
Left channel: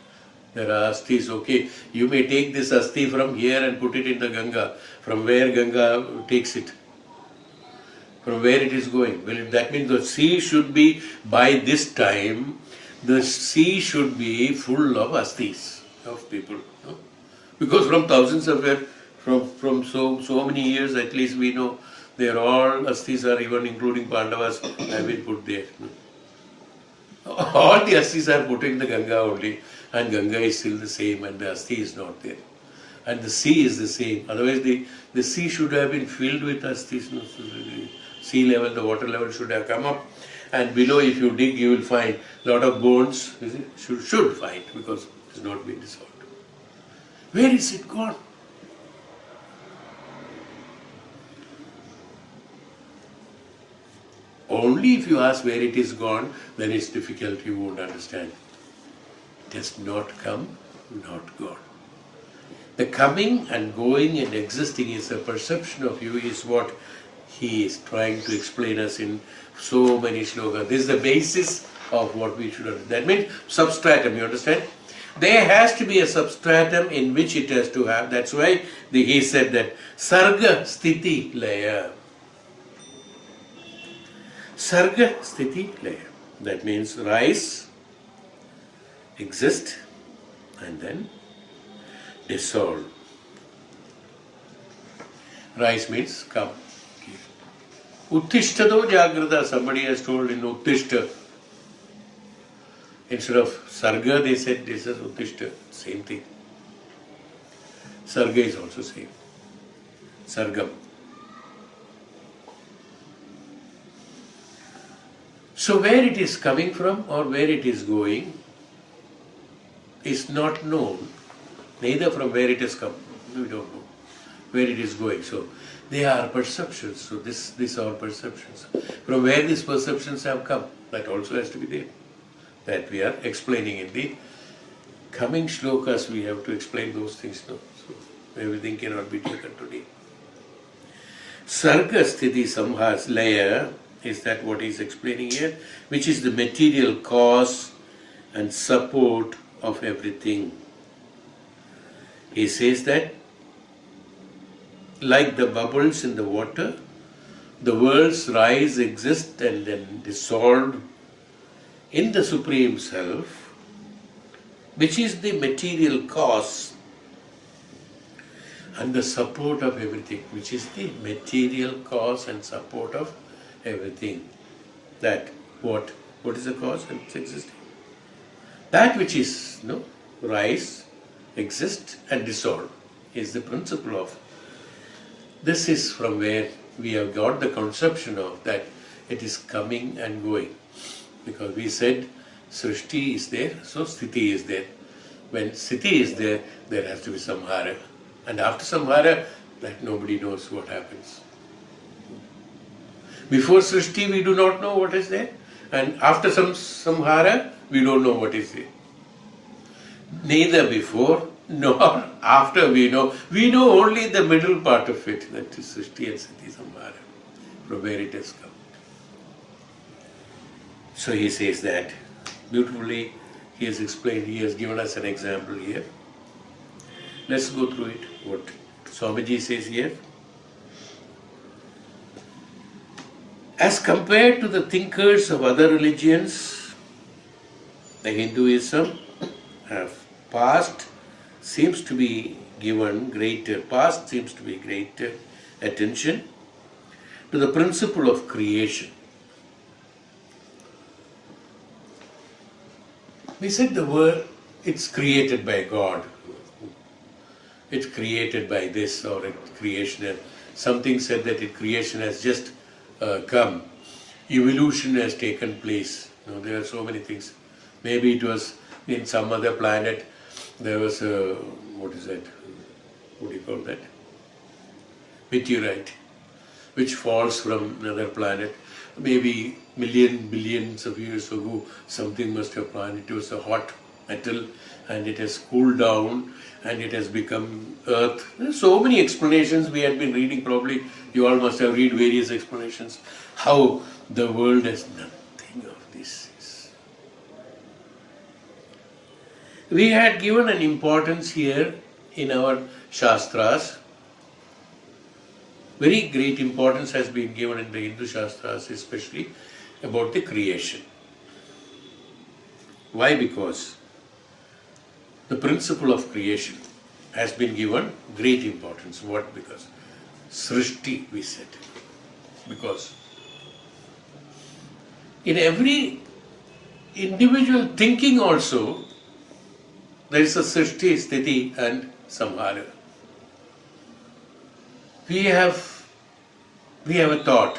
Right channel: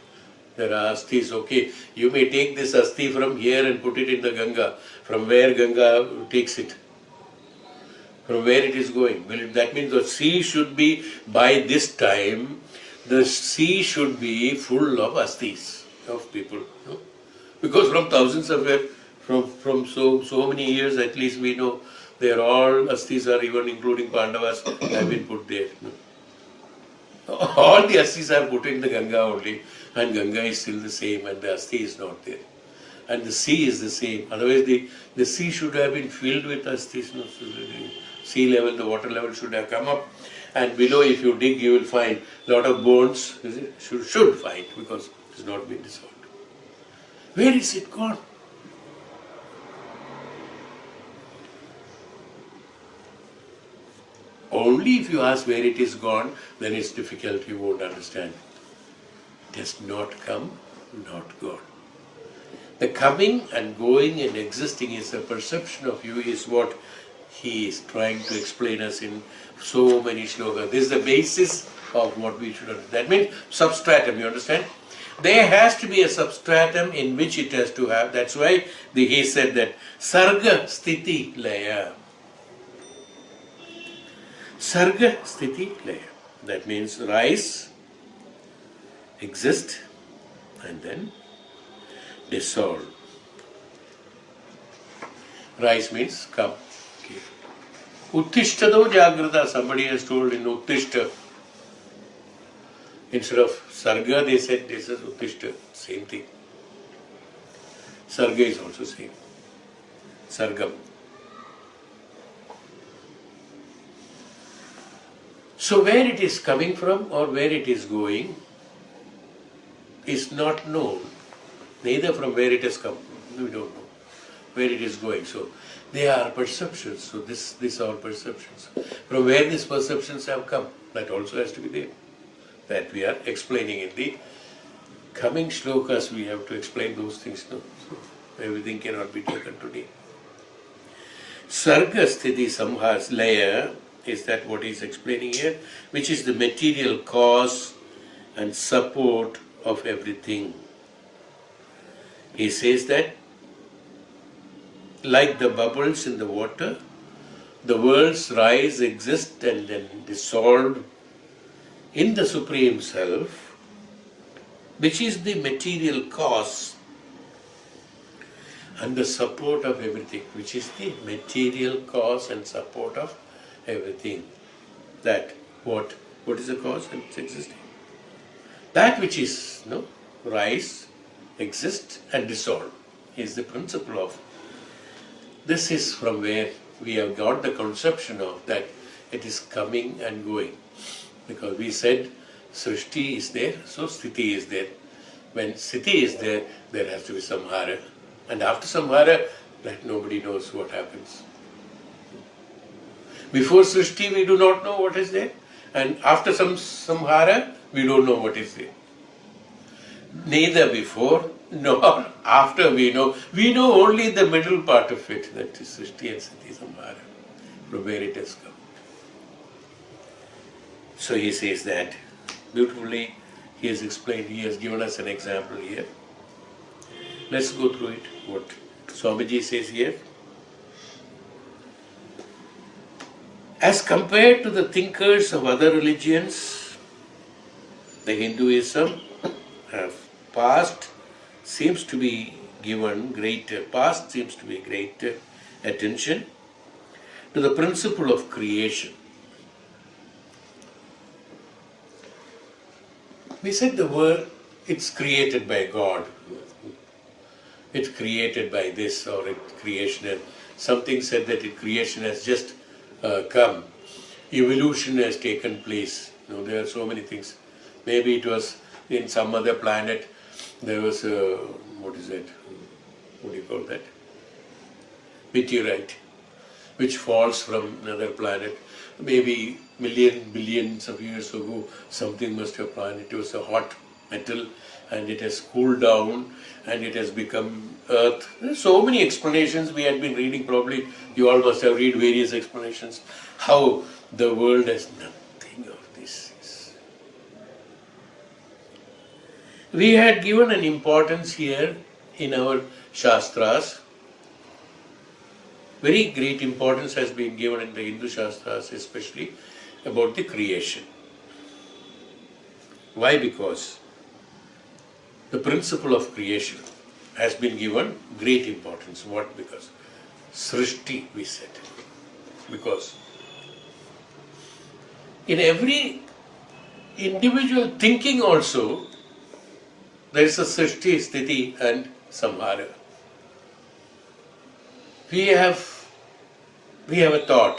There are asthis, okay. You may take this asthi from here and put it in the Ganga. From where Ganga takes it? From where it is going? Well, that means the sea should be, by this time, the sea should be full of asthis of people. No? Because from thousands of years, from so many years at least we know, they are all asthis are even including Pandavas have been put there. All the asthis are put in the Ganga only, and Ganga is still the same and the asthi is not there. And the sea is the same. Otherwise the sea should have been filled with asthis. No? So the sea level, the water level should have come up. And below, if you dig, you will find a lot of bones. Should find, because it has not been dissolved. Where is it gone? Only if you ask where it is gone, then it's difficult, you won't understand. It has not come, not gone. The coming and going and existing is a perception of you, is what he is trying to explain us in so many shlokas. This is the basis of what we should understand. That means substratum, you understand? There has to be a substratum in which it has to have. That's why he said that Sarga Sthiti Laya. Sarga Sthiti Laya. That means rise, exist, and then dissolve. Rise means come. Uttishtado Jagrata, somebody has told in Uttishta. Instead of Sarga, they said this is Uttishta. Same thing. Sarga is also same. Sargam. So where it is coming from or where it is going is not known. Neither from where it has come. We don't know where it is going. So they are perceptions. So these are perceptions. From where these perceptions have come, that also has to be there. That we are explaining in the coming shlokas. We have to explain those things now. So everything cannot be taken today. Sarga Sthiti Samhas Laya, is that what he is explaining here? Which is the material cause and support of everything. He says that like the bubbles in the water, the worlds rise, exist, and then dissolve in the Supreme Self, which is the material cause and the support of everything, which is the material cause and support of everything. That what is the cause and its existing? That which is rise, exist, and dissolve is the principle of. This is from where we have got the conception of that it is coming and going. Because we said Srishti is there, so Sthiti is there. When Sthiti is there, there has to be Samhara. And after Samhara, like nobody knows what happens. Before Srishti, we do not know what is there. And after Samhara, we don't know what is there. Neither before nor after we know. We know only the middle part of it, that is Srishti and Sthiti Samhara, from where it has come. So he says that beautifully. He has explained, he has given us an example here. Let's go through it, what Swamiji says here. As compared to the thinkers of other religions, the Hinduism past seems to be greater attention to the principle of creation. We said the world, it's created by God. It's created by this or creation. Something said that creation has just come. Evolution has taken place. There are so many things. Maybe it was in some other planet. There was a, what is that? What do you call that? Meteorite, which falls from another planet. Maybe billions of years ago, something must have fallen. It was a hot metal and it has cooled down and it has become earth. There are so many explanations we had been reading. Probably you all must have read various explanations how the world has nothing of this. We had given an importance here in our Shastras. Very great importance has been given in the Hindu Shastras, especially about the creation. Why? Because the principle of creation has been given great importance. What? Because Srishti, we said. Because in every individual thinking also, there is a Srishti, Sthiti and Samhara. We have a thought.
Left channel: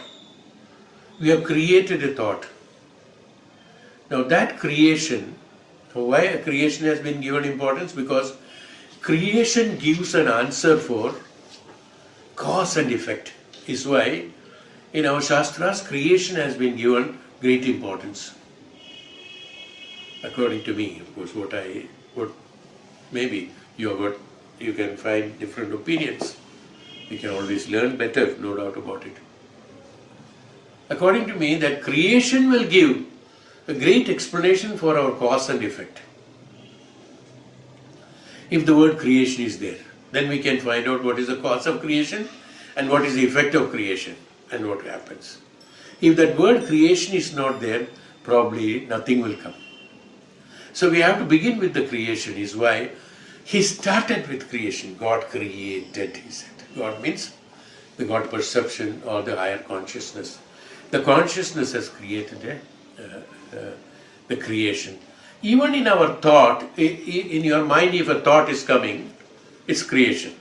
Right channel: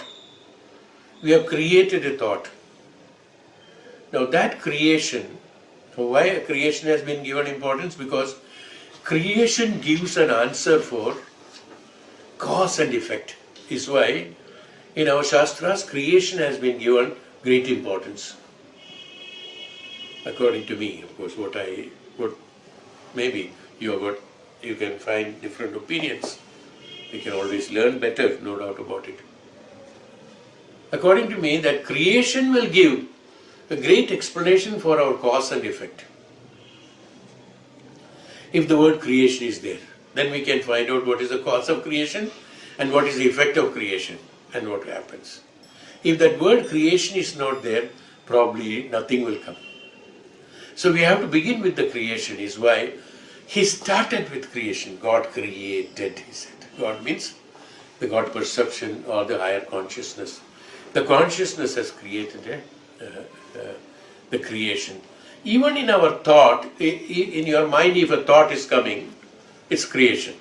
We have created a thought. Now that creation, why creation has been given importance? Because creation gives an answer for cause and effect. Is why in our Shastras creation has been given great importance. According to me, of course, what maybe you can find different opinions. You can always learn better, no doubt about it. According to me, that creation will give a great explanation for our cause and effect. If the word creation is there, then we can find out what is the cause of creation and what is the effect of creation and what happens. If that word creation is not there, probably nothing will come. So we have to begin with the creation, is why he started with creation. God created, he said. God means the God perception or the higher consciousness. The consciousness has created the creation. Even in our thought, in your mind, if a thought is coming, it's creation.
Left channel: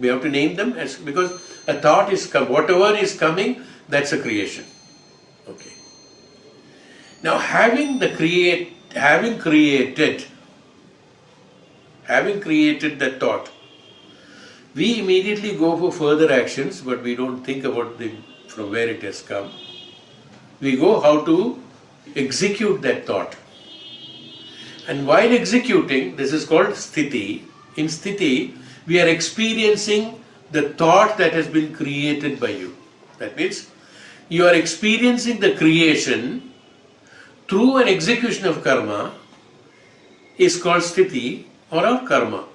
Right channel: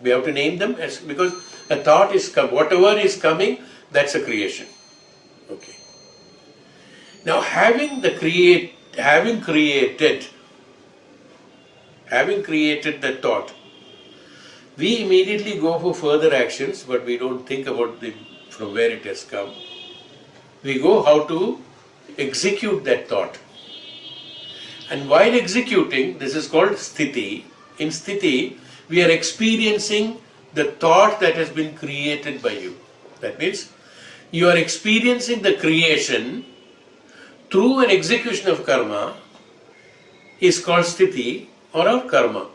We have to name them because a thought is coming. Whatever is coming, that's a creation. Okay. Now, having created the thought, we immediately go for further actions, but we don't think about from where it has come. We go how to execute that thought. And while executing, this is called sthiti. In sthiti, we are experiencing the thought that has been created by you. That means you are experiencing the creation through an execution of karma is called sthiti or karma.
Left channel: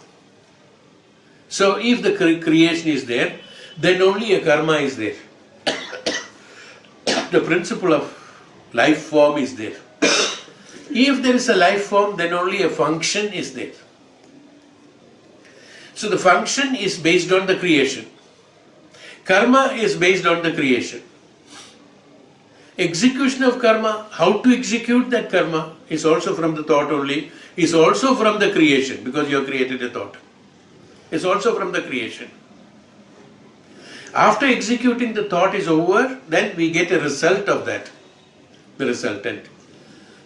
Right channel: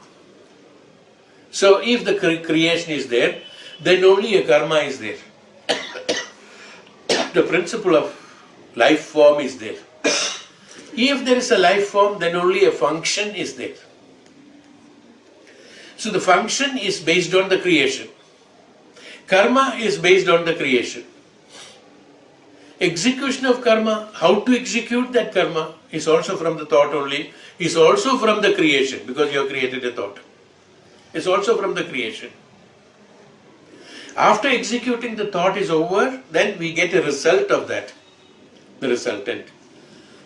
So if the creation is there, then only a karma is there. The principle of life form is there. If there is a life form, then only a function is there. So the function is based on the creation. Karma is based on the creation. Execution of karma, how to execute that karma is also from the thought only, is also from the creation because you have created a thought. It's also from the creation. After executing the thought is over, then we get a result of that. The resultant.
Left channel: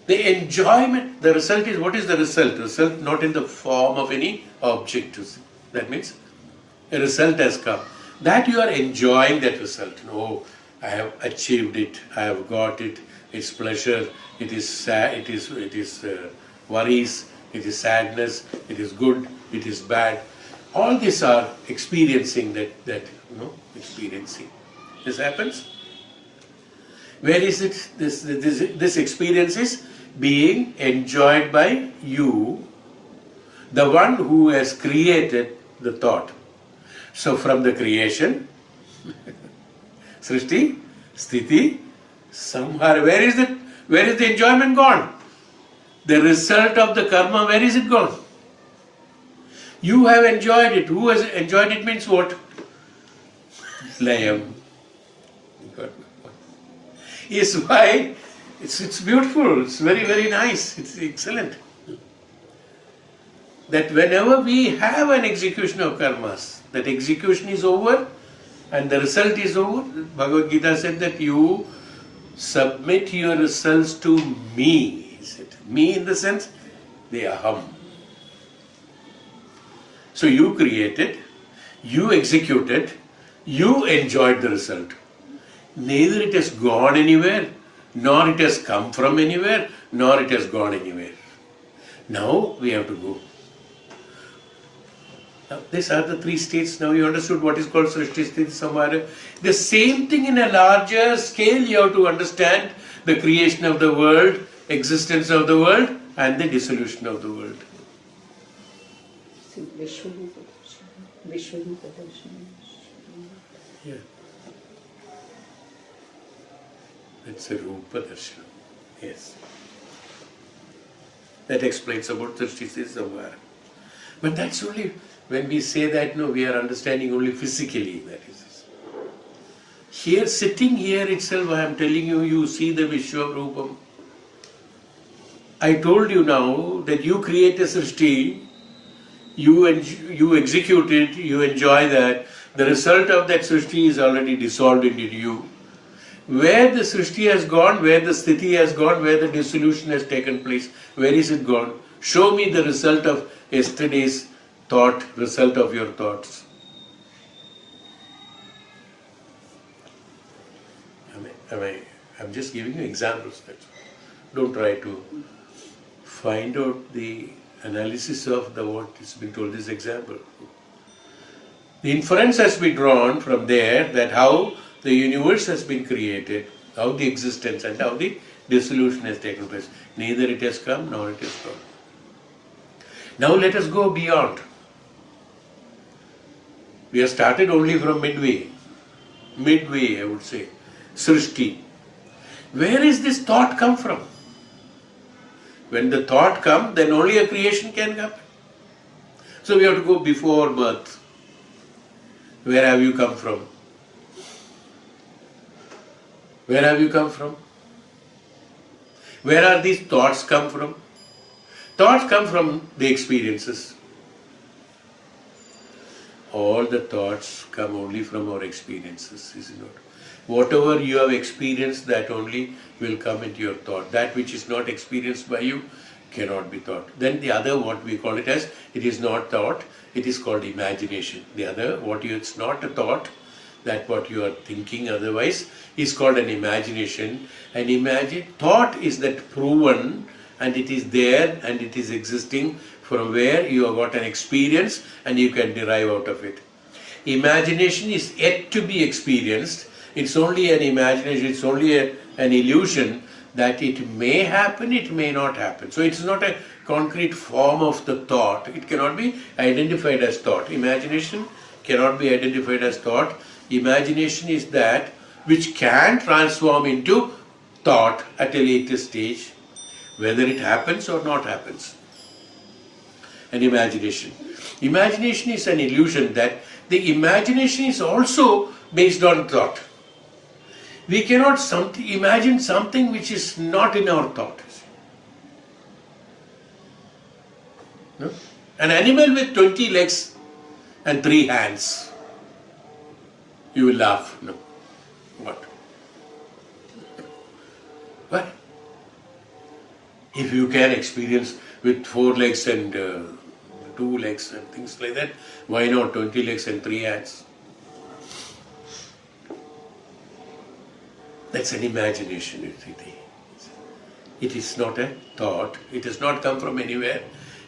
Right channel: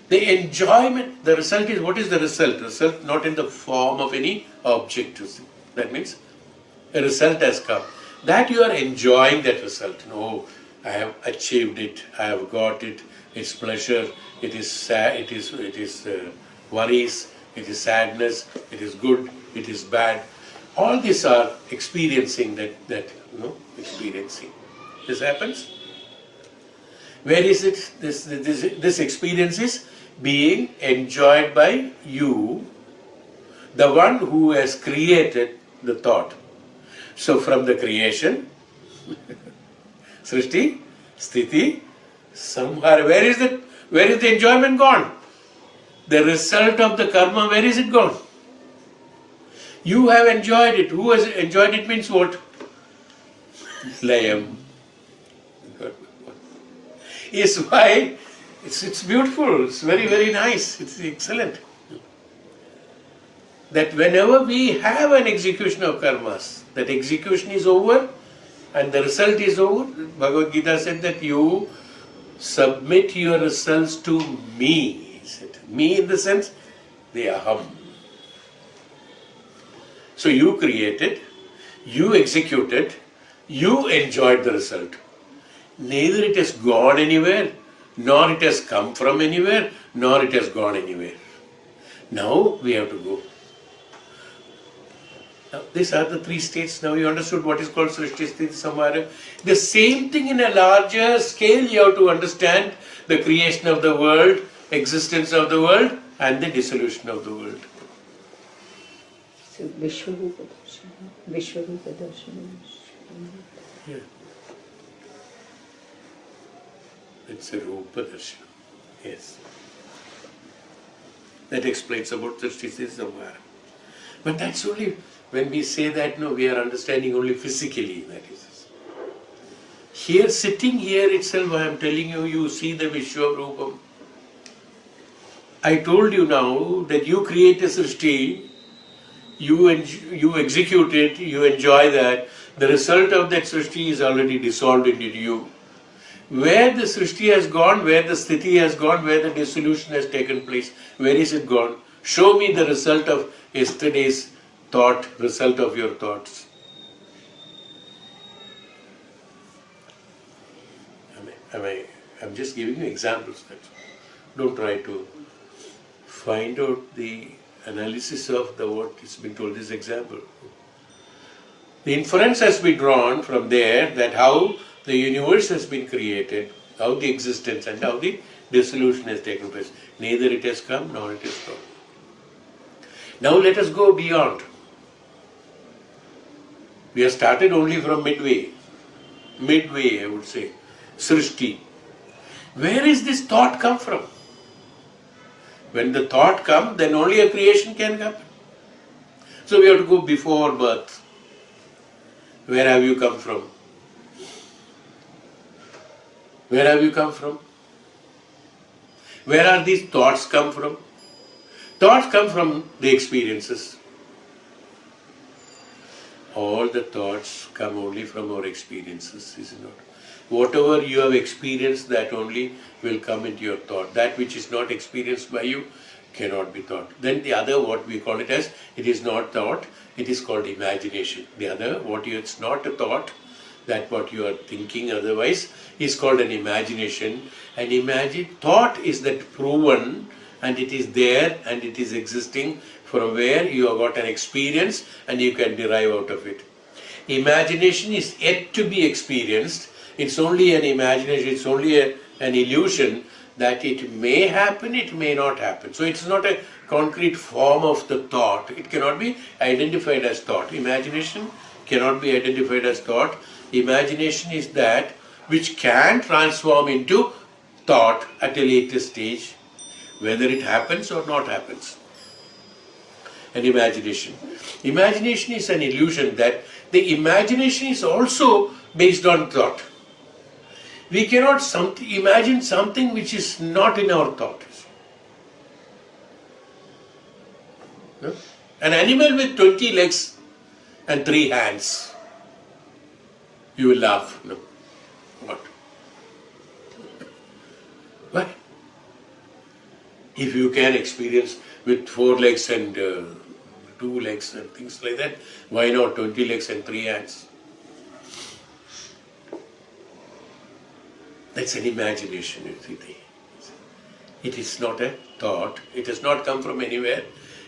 The enjoyment, the result is, what is the result? Result not in the form of any object. That means a result has come. That you are enjoying that result. No, I have achieved it, I have got it, it's pleasure, it is sad, it is worries, it is sadness, it is good, it is bad. All these are experiencing experiencing. This happens. Where is it? This experience is being enjoyed by you, the one who has created the thought. So from the creation, Srishti, Sthiti, Samhara, where is it? Where is the enjoyment gone? The result of the karma, where is it gone? You have enjoyed it. Who has enjoyed it means what? Layam. Is why it's beautiful, it's very, very nice, it's excellent. That whenever we have an execution of karmas, that execution is over and the result is over. Bhagavad Gita said that you submit your results to me. Me in the sense, the aham. So you created, you executed, you enjoyed the result. Neither it has gone anywhere, nor it has come from anywhere, nor it has gone anywhere. Now we have to go. Now, these are the three states. Now you understood what is called Srishti, Sthiti, Samhara. The same thing in a larger scale you have to understand the creation of the world, existence of the world, and the dissolution of the world. So Vishwarupa Darshan. Yeah. That's a Rupa Darshan. Yes. That explains about the Srishti, Samhara. But that's only when we say that, no, we are understanding only physically. That is. Here, sitting here itself, I am telling you, you see the Vishwarupam. I told you now that you create a Srishti, you execute it, you enjoy that. The result of that Srishti is already dissolved into you. Where the Srishti has gone, where the Sthiti has gone, where the dissolution has taken place, where is it gone? Show me the result of yesterday's thought, result of your thoughts. I'm just giving you examples. Don't try to find out the analysis of the what is being told this example. The inference has been drawn from there that how the universe has been created, how the existence and how the dissolution has taken place. Neither it has come nor it is gone. Now let us go beyond. We have started only from midway, I would say, Srishti. Where is this thought come from? When the thought comes, then only a creation can come. So we have to go before birth. Where have you come from? Where have you come from? Where are these thoughts come from? Thoughts come from the experiences. All the thoughts come only from our experiences, is it not? Whatever you have experienced, that only will come into your thought. That which is not experienced by you cannot be thought. Then the other, what we call it as, it is not thought, it is called imagination. The other, it's not a thought, that what you are thinking otherwise, is called an imagination. And thought is that proven, and it is there, and it is existing, from where you have got an experience, and you can derive out of it. Imagination is yet to be experienced. It's only an imagination, it's only an illusion that it may happen, it may not happen. So it's not a concrete form of the thought. It cannot be identified as thought. Imagination cannot be identified as thought. Imagination is that which can transform into thought at a later stage, whether it happens or not happens. An imagination. Imagination is an illusion that the imagination is also based on thought. We cannot imagine something which is not in our thought. No? An animal with 20 legs and 3 hands. You will laugh. No. What? Why? If you can experience with 4 legs and 2 legs and things like that, why not 20 legs and 3 hands? That's an imagination, you see. It is not a thought. It has not come from anywhere.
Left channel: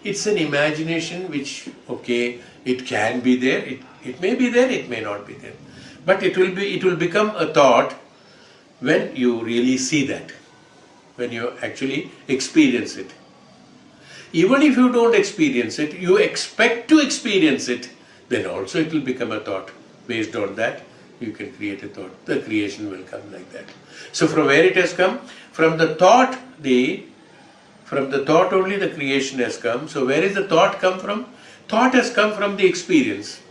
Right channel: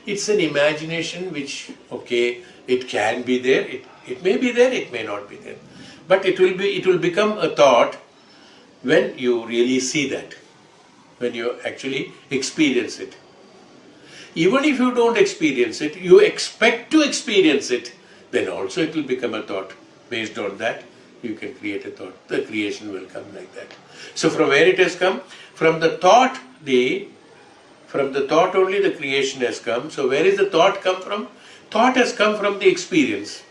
It's an imagination which, okay, it can be there. It may be there, it may not be there. But it will become a thought when you really see that, when you actually experience it. Even if you don't experience it, you expect to experience it, then also it will become a thought. Based on that, you can create a thought. The creation will come like that. So from where it has come? From the thought only the creation has come. So where is the thought come from? Thought has come from the experience.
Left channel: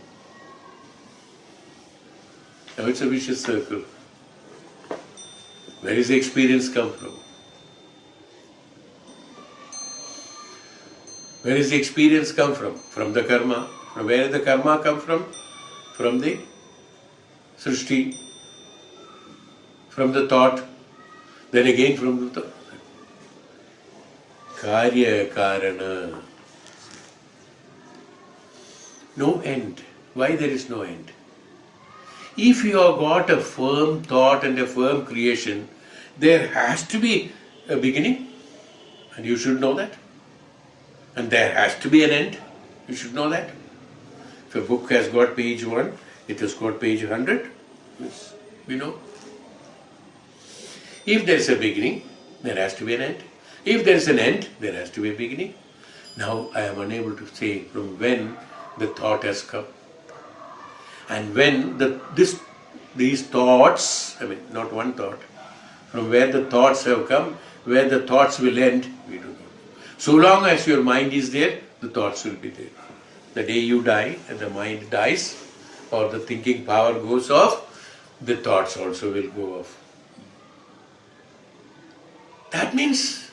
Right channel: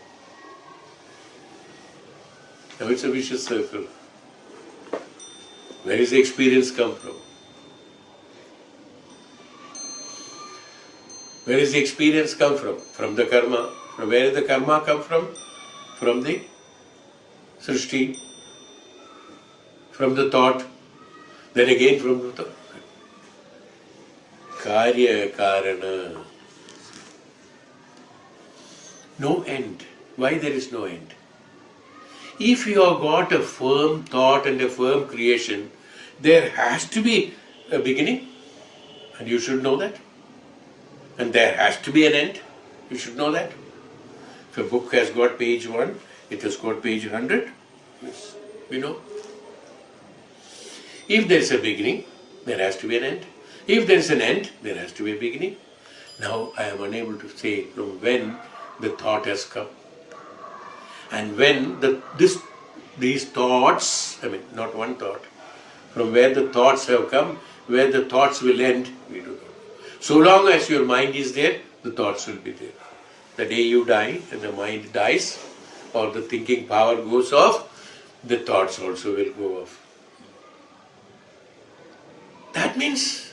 Now it's a vicious circle. Where is the experience come from? Where is the experience come from? From the karma. From where did the karma come from? From the Srishti. From the thought. Then again from the Karya Karana. No end. Why there is no end? If you have got a firm thought and a firm creation, there has to be a beginning, and you should know that. And there has to be an end, you should know that. If a book has got page 1, it has got page 100, you know. If there is a beginning, there has to be an end. If there is an end, there has to be a beginning. Now I am unable to say from when the thought has come. And when these thoughts, not one thought, from where the thoughts have come, where the thoughts will end, we don't know. So long as your mind is there, the thoughts will be there. The day you die and the mind dies, or the thinking power goes off, the thoughts also will go off. That means,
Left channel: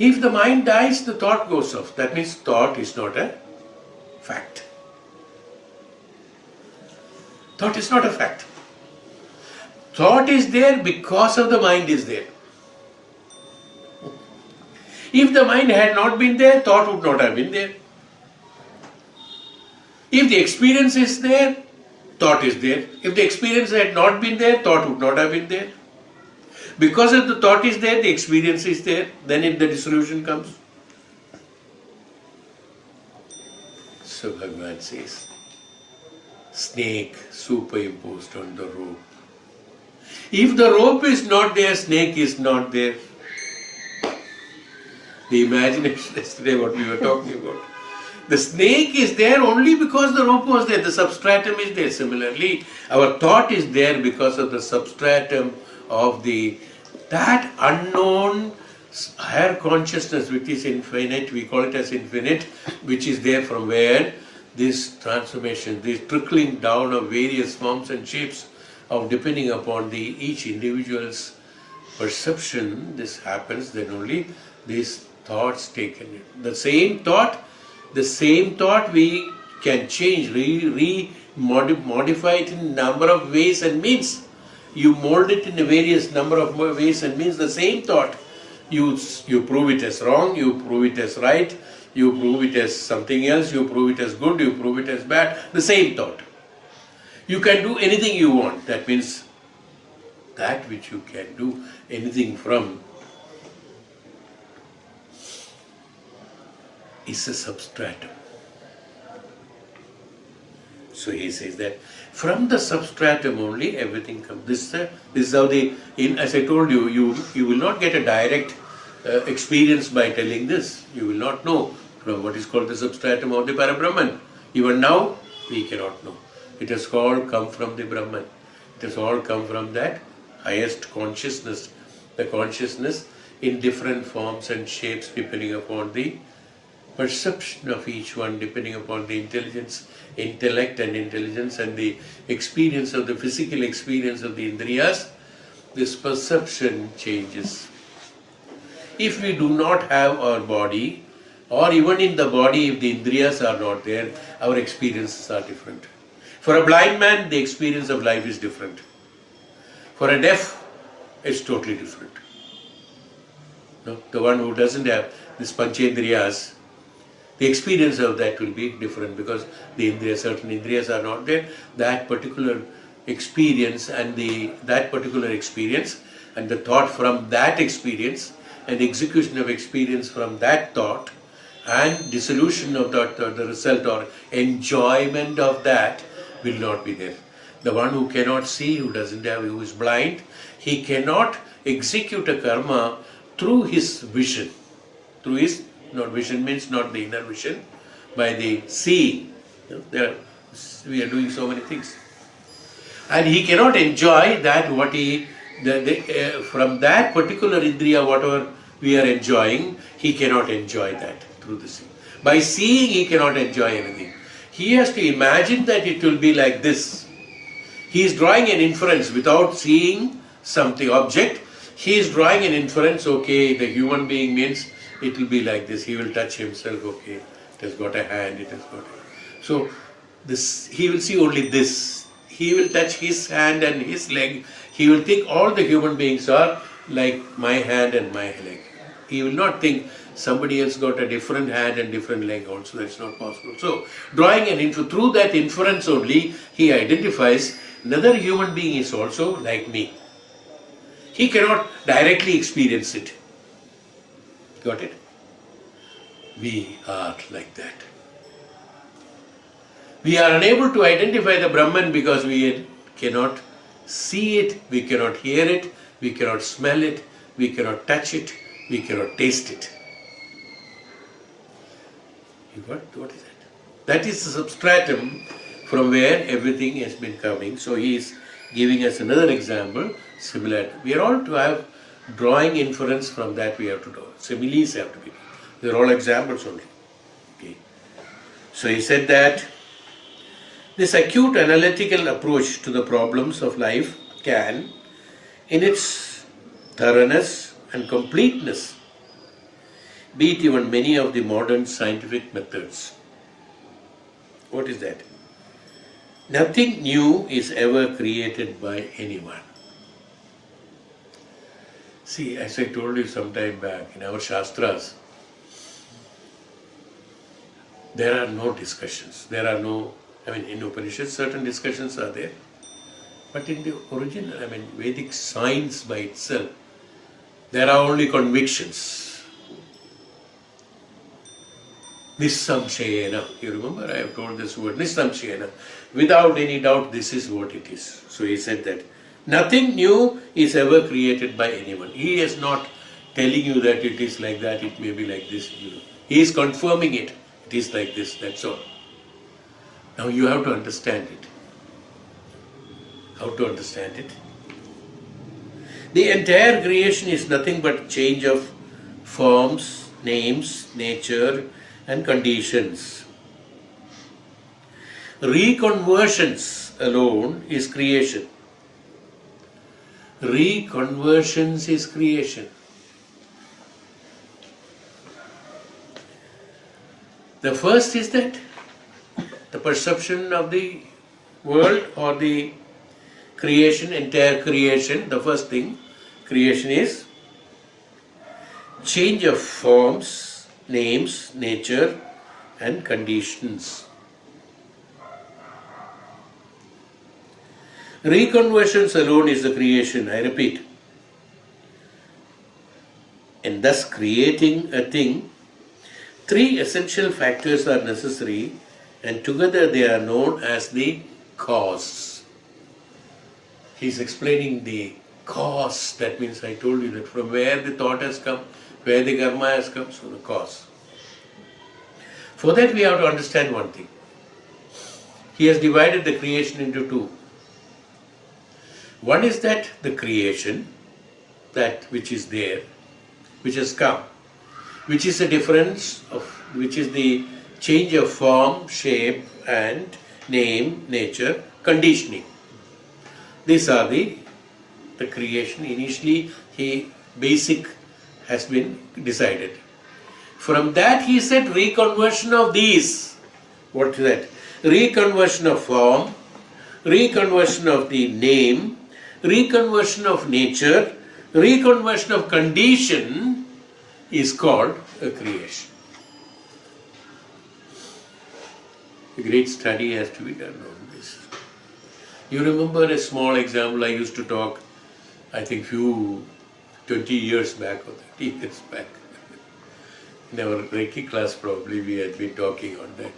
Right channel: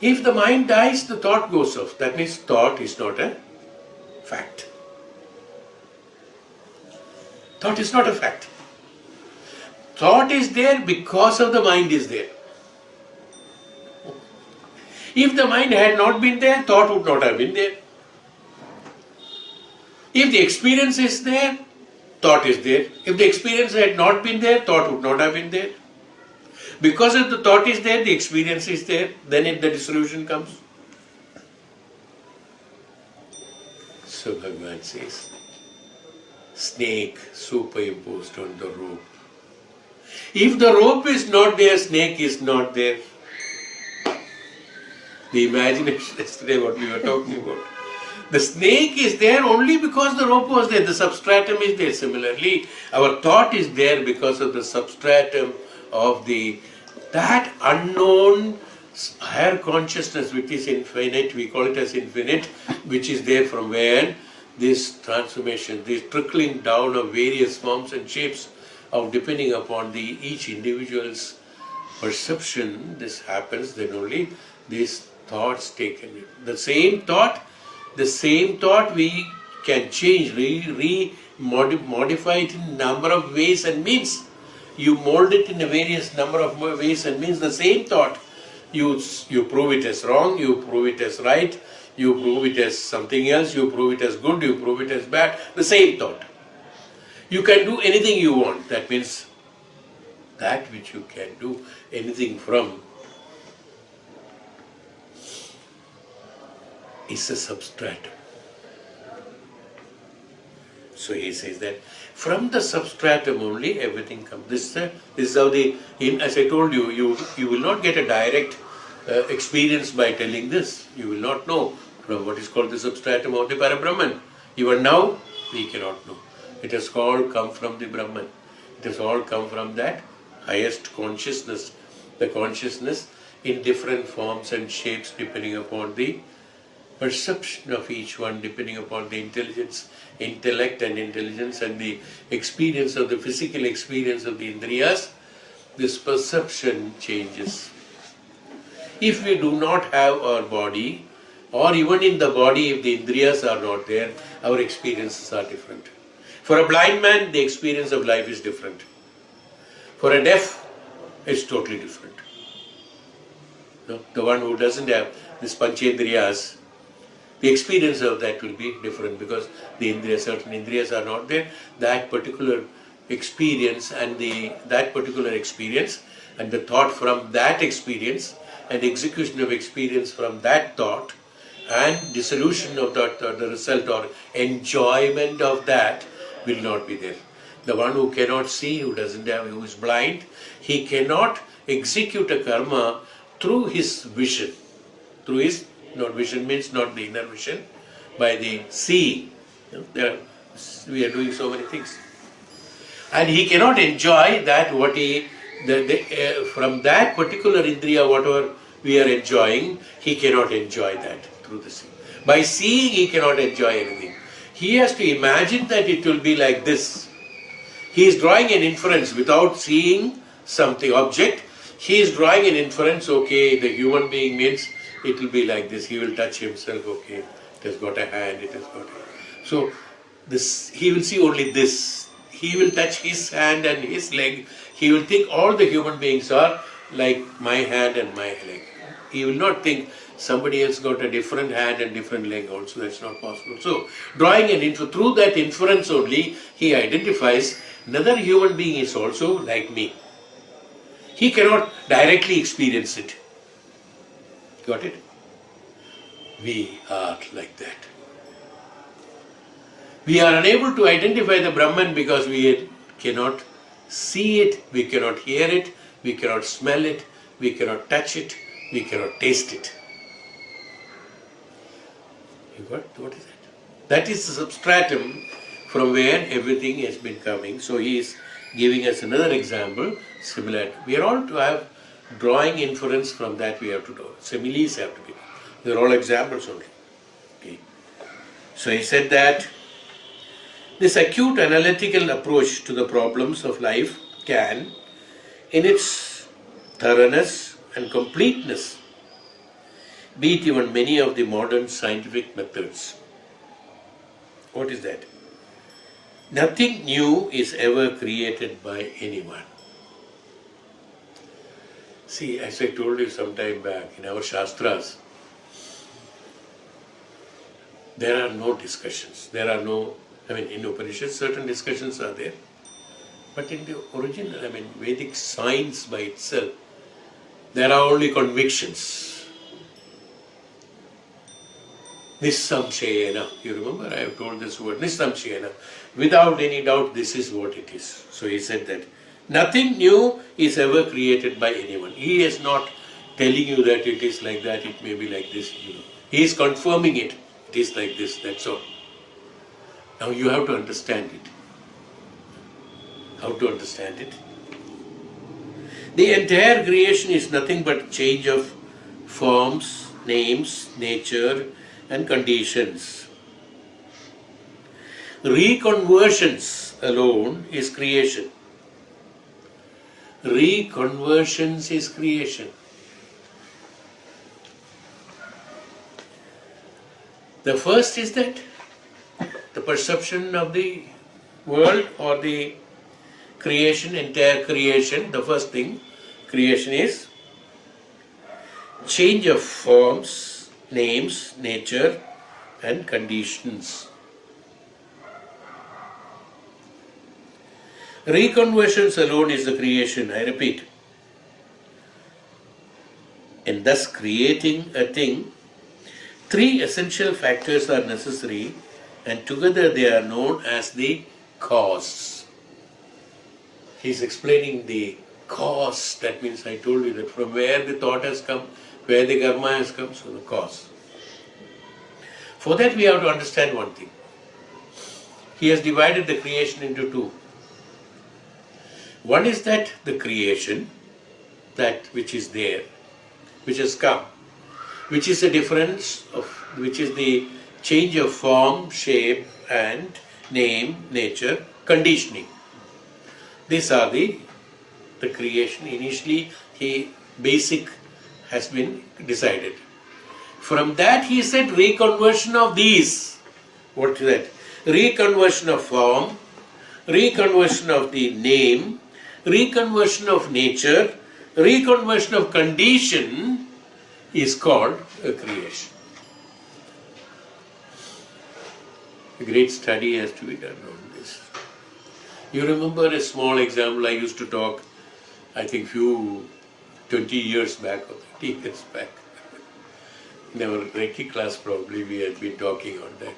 if the mind dies, the thought goes off. That means thought is not a fact. Thought is not a fact. Thought is there because of the mind is there. If the mind had not been there, thought would not have been there. If the experience is there, thought is there. If the experience had not been there, thought would not have been there. Because if the thought is there, the experience is there, then the dissolution comes. So Bhagavan says, snake superimposed on the rope. If the rope is not there, snake is not there. The imagination yesterday, what we were talking about. The snake is there only because the rope was there, the substratum is there. Similarly, our thought is there because of the substratum of that unknown higher consciousness which is infinite, we call it as infinite, which is there from where this transformation, this trickling down of various forms and shapes of depending upon each individual's perception, this happens, then only these thoughts taken. The same thought we can change, modify it in a number of ways and means. You mold it in a various number of ways and means. The same thought, you prove it as wrong, you prove it as right, you prove it as something else, you prove it as good, you prove it as bad. The same thought. You can do anything you want. That means that which you can do anything from is a substratum. So he says that from the substratum only everything comes. This is how as I told you, you will not get a direct experience by telling this. You will not know from what is called the substratum of the Parabrahman. Even now, we cannot know. It has all come from the Brahman. It has all come from that highest consciousness. The consciousness in different forms and shapes depending upon the perception of each one, depending upon the intellect and intelligence and the experience of the physical experience of the Indriyas, this perception changes. If we do not have our body, or even in the body if the Indriyas are not there, our experiences are different. For a blind man, the experience of life is different. For a deaf, it's totally different. No? The one who doesn't have this Panchendriyas, the experience of that will be different because certain Indriyas are not there. That particular experience and the thought from that experience and the execution of experience from that thought and dissolution of that, the result or enjoyment of that will not be there. The one who cannot see, who is blind, he cannot execute a karma through his vision. Through his, vision means not the inner vision, by the seeing. We are doing so many things. And he cannot enjoy that from that particular Indriya, whatever we are enjoying, he cannot enjoy that through the seeing. By seeing, he cannot enjoy anything. He has to imagine that it will be like this. He is drawing an inference without seeing something, object. He is drawing an inference, okay, the human being means it will be like this. He will touch himself, okay, it has got a hand, it has got. So, he will see only this. He will touch his hand and his leg. He will think all the human beings are like my hand and my leg. He will not think somebody else got a different hand and different leg also. That's not possible. So, drawing through that inference only, he identifies another human being is also like me. He cannot directly experience it. Got it? We are like that. We are unable to identify the Brahman because we cannot see it, we cannot hear it, we cannot smell it, we cannot touch it, we cannot taste it. What is that? That is the substratum from where everything has been coming. So he is giving us another example, similar. We are all to have drawing inference from that we have to do. Similes have to be. They are all examples only. Okay. So he said that this acute analytical approach to the problems of life can, in its thoroughness and completeness, beat even many of the modern scientific methods. What is that? Nothing new is ever created by anyone. See, as I told you some time back, in our Shastras, there are no discussions. There are no, in Upanishads certain discussions are there. But in the original, Vedic science by itself, there are only convictions. Nissamshayena. You remember I have told this word, Nissamshayena. Without any doubt, this is what it is. So he said that nothing new is ever created by anyone. He is not telling you that it is like that, it may be like this. He is confirming it. It is like this, that's all. Now you have to understand it. How to understand it? The entire creation is nothing but change of forms, names, nature and conditions. Reconversions alone is creation. Reconversions is creation. The first is that the perception of the world or the creation, entire creation, the first thing, creation is change of forms, names, nature and conditions. Reconversions alone is the creation, I repeat. In thus creating a thing, three essential factors are necessary and together they are known as the cause. He is explaining the cause, that means I told you that from where the thought has come, where the karma has come, so the cause. For that we have to understand one thing. He has divided the creation into two. One is that the creation, that which is there, which has come, which is the difference of, which is the change of form, shape and name, nature, conditioning. These are the creation. Initially, basic has been decided. From that he said reconversion of these. What is that? Reconversion of form, reconversion of the name, reconversion of nature, reconversion of condition is called a creation. A great study has to be done on this. You remember a small example I used to talk, I think 20 years back or 30 years back. In our Reiki class probably we had been talking on that.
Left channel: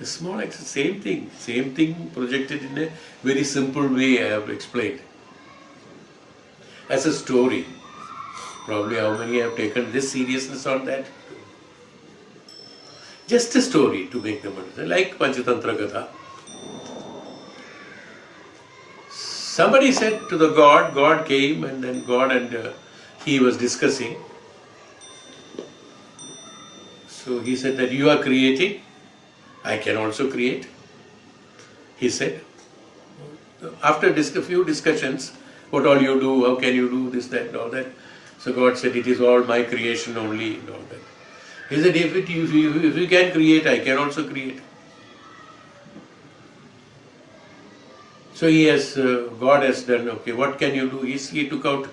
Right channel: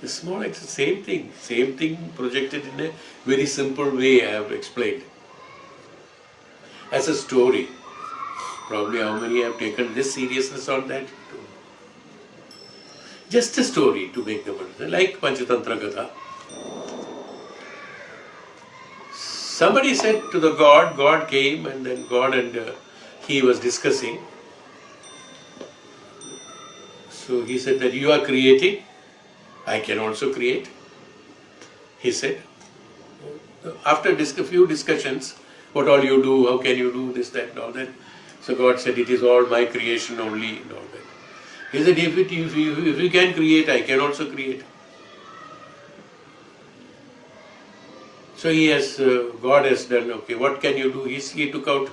The small example, same thing projected in a very simple way I have explained. As a story. Probably how many have taken this seriousness on that? Just a story to make them understand, like Panchatantra Gatha. Somebody said to the God came and then God and he was discussing. So he said that you are creating, I can also create. He said, after a few discussions, what all you do, how can you do this, that and all that. So God said, it is all my creation only and all that. He said, if you can create, I can also create. So God has done, okay, what can you do? He took out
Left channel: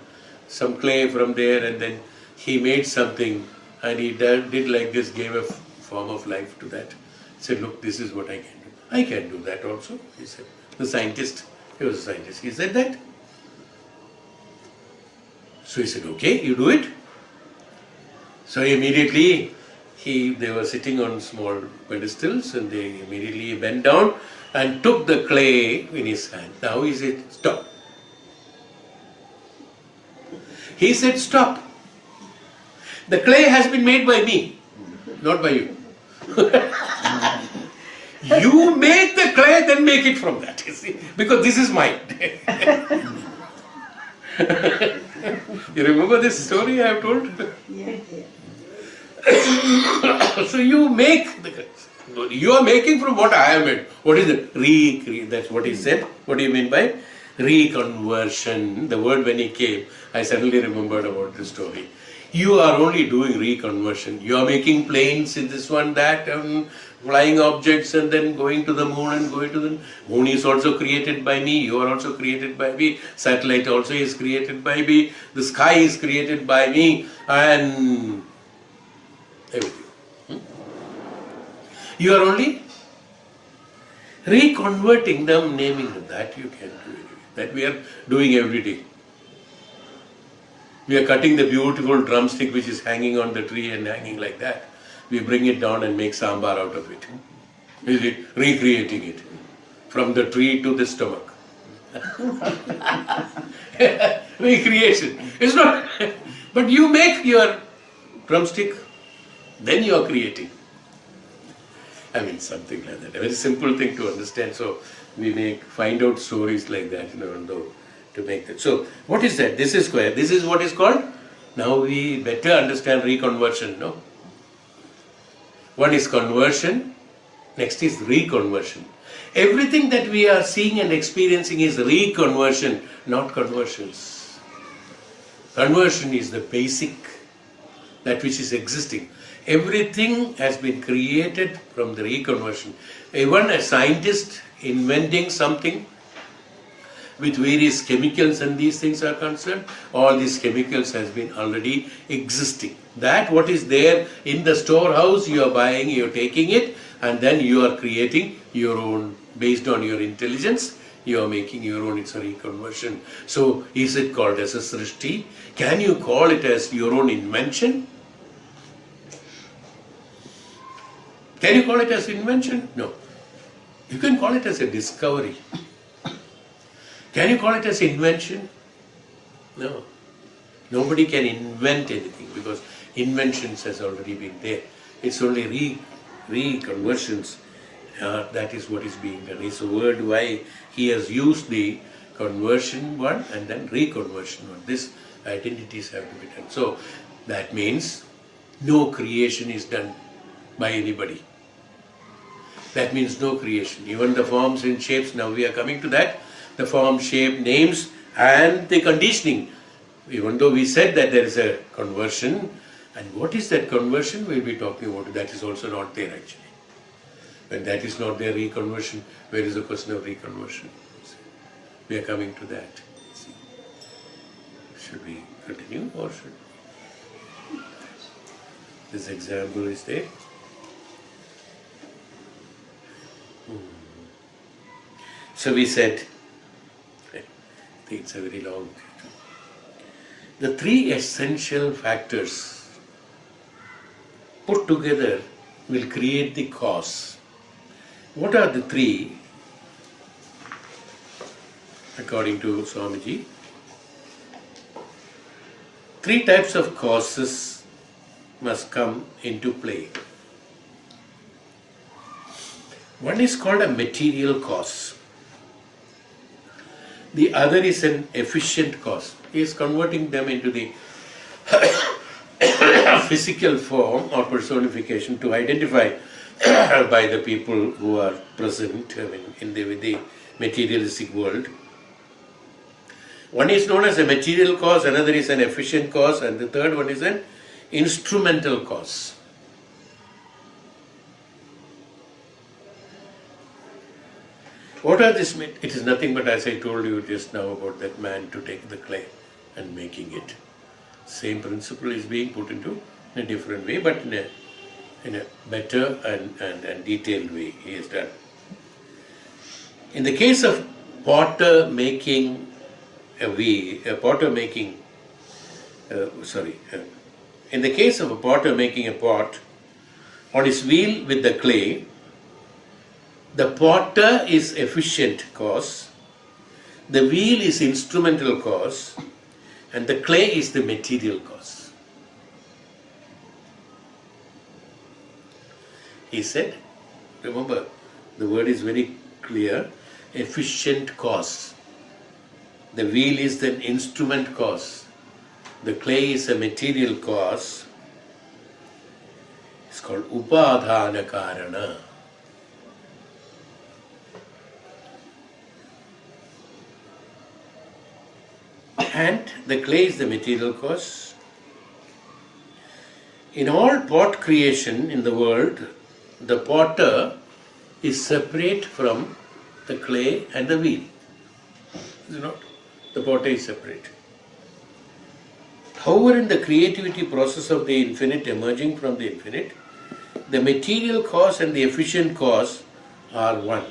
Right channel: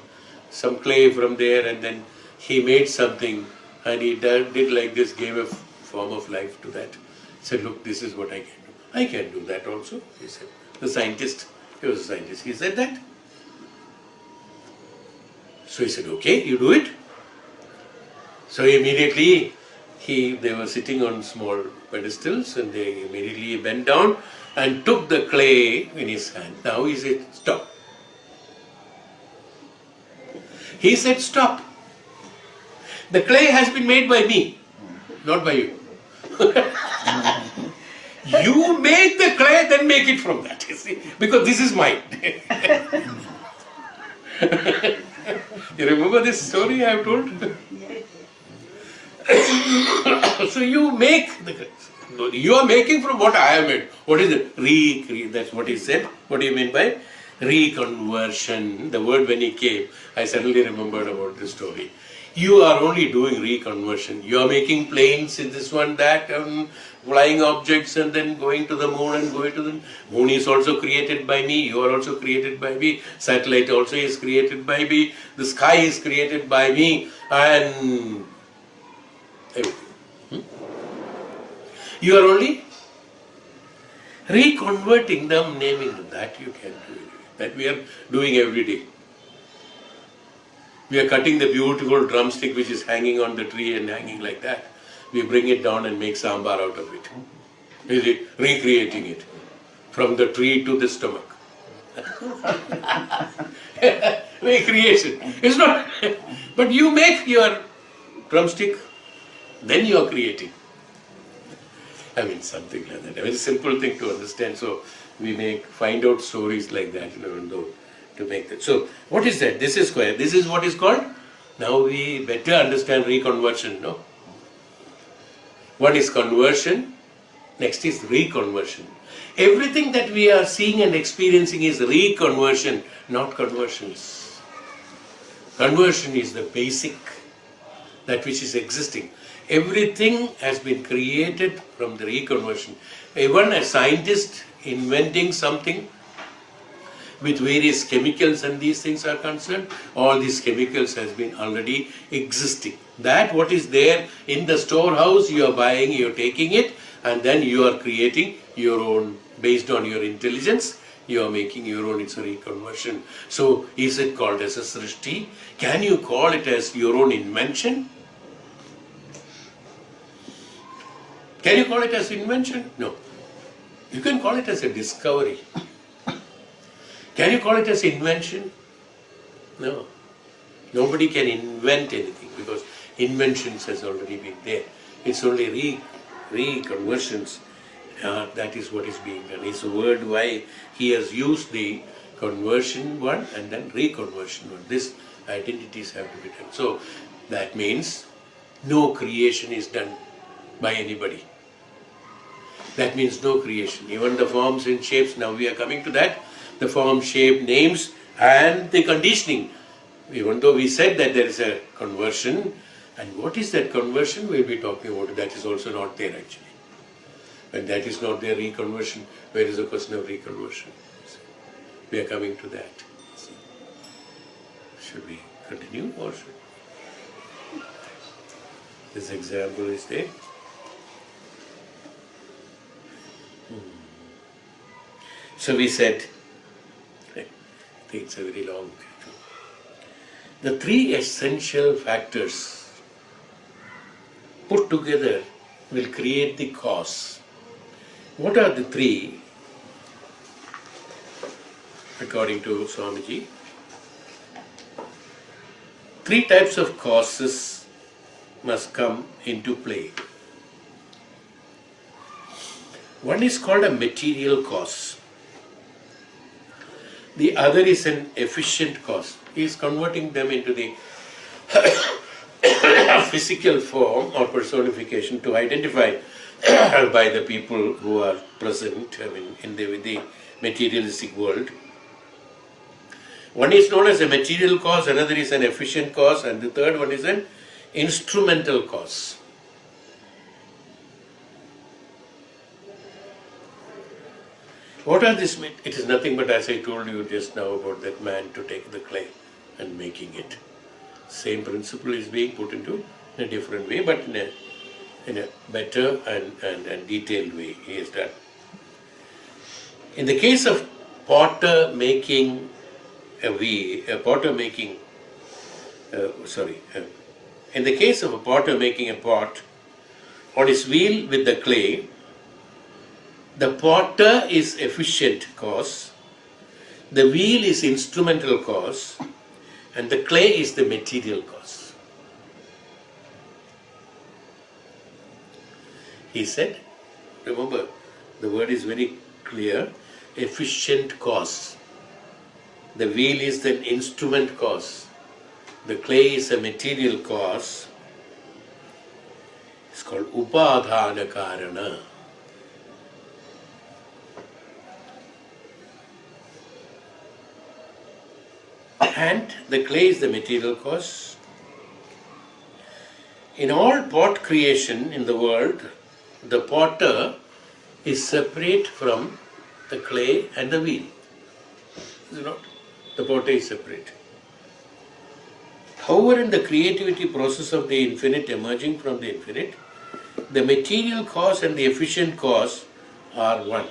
some clay from there and then he made something and he did like this, gave a form of life to that. He said, look, this is what I can do. I can do that also, he said. The scientist, he was a scientist, he said that. So he said, okay, you do it. So immediately, they were sitting on small pedestals and they immediately bent down and took the clay in his hand. Now he said, stop. He said, stop. The clay has been made by me, not by you. You make the clay, then make it from that, you see, because this is mine. You remember this story I have told? So you make you are making from what I have made. What is it? That's what he said. What do you mean by reconversion? The word when he came, I suddenly remembered about this story. You are only doing reconversion. You are making planes in this one, that, flying objects and then going to the moon and going to the moon is also created by me. You are also created by me. Satellite also is created by me. The sky is created by me and everything. You are only reconverting them, naming them. That you can do. That we are doing every day. We are cutting the beautiful drumstick which is hanging on the tree and hanging like that. We bring it down and make sambar out of it. We are recreating it from the tree to the stomach. Recreation. It's not. But you make your drumstick, then you are creating. I mean, something like that. A very simple thing to understand. So we find out stories like that, to make that. So what is that? This is square. This is what is called. Now we better understand reconversion. No. What is conversion? Next is reconversion. Everything that we are seeing and experiencing is reconversion, not conversions. Conversion is the basic, that which is existing. Everything has been created from the reconversion. Even a scientist inventing something with various chemicals and these things are concerned, all these chemicals has been already existing. That what is there in the storehouse, you are buying, you are taking it, and then you are creating your own, based on your intelligence, you are making your own, it's a reconversion. So is it called as a srishti? Can you call it as your own invention? Can you call it as invention? No. You can call it as a discovery. Can you call it as invention? No. Nobody can invent anything because inventions has already been there. It's only reconversions. That is what is being done. It's a word why he has used the conversion one and then reconversion one. These identities have to be done. So that means no creation is done by anybody. That means no creation. Even the forms and shapes, now we are coming to that. The form, shape, names and the conditioning. Even though we said that there is a conversion, and what is that conversion we'll be talking about, that is also not there actually. When that is not there, reconversion, where is the question of reconversion? We are coming to that. Should we continue or should this example is there? So we said, I think it's a very long. The three essential factors put together will create the cause. What are the three, according to Swamiji? Three types of causes must come into play. One is called a material cause. The other is an efficient cause. He is converting them into the physical form or personification to identify by the people who are present in the materialistic world. One is known as a material cause, another is an efficient cause, and the third one is an instrumental cause. What are these? It is nothing but, as I told you just now about that man to take the clay and making it. Same principle is being put into in a different way, but in a better and detailed way he is done. In the case of potter making in the case of a potter making a pot on his wheel with the clay, the potter is efficient cause, the wheel is instrumental cause, and the clay is the material cause. He said, remember, the word is very clear, efficient cause. The wheel is the instrument cause. The clay is a material cause. It's called upadhana karana. And the clay is the material cause. In all pot creation in the world, the potter is separate from the clay and the wheel. Is it not? The potter is separate. However, in the creativity process of the infinite emerging from the infinite, the material cause and the efficient cause are one.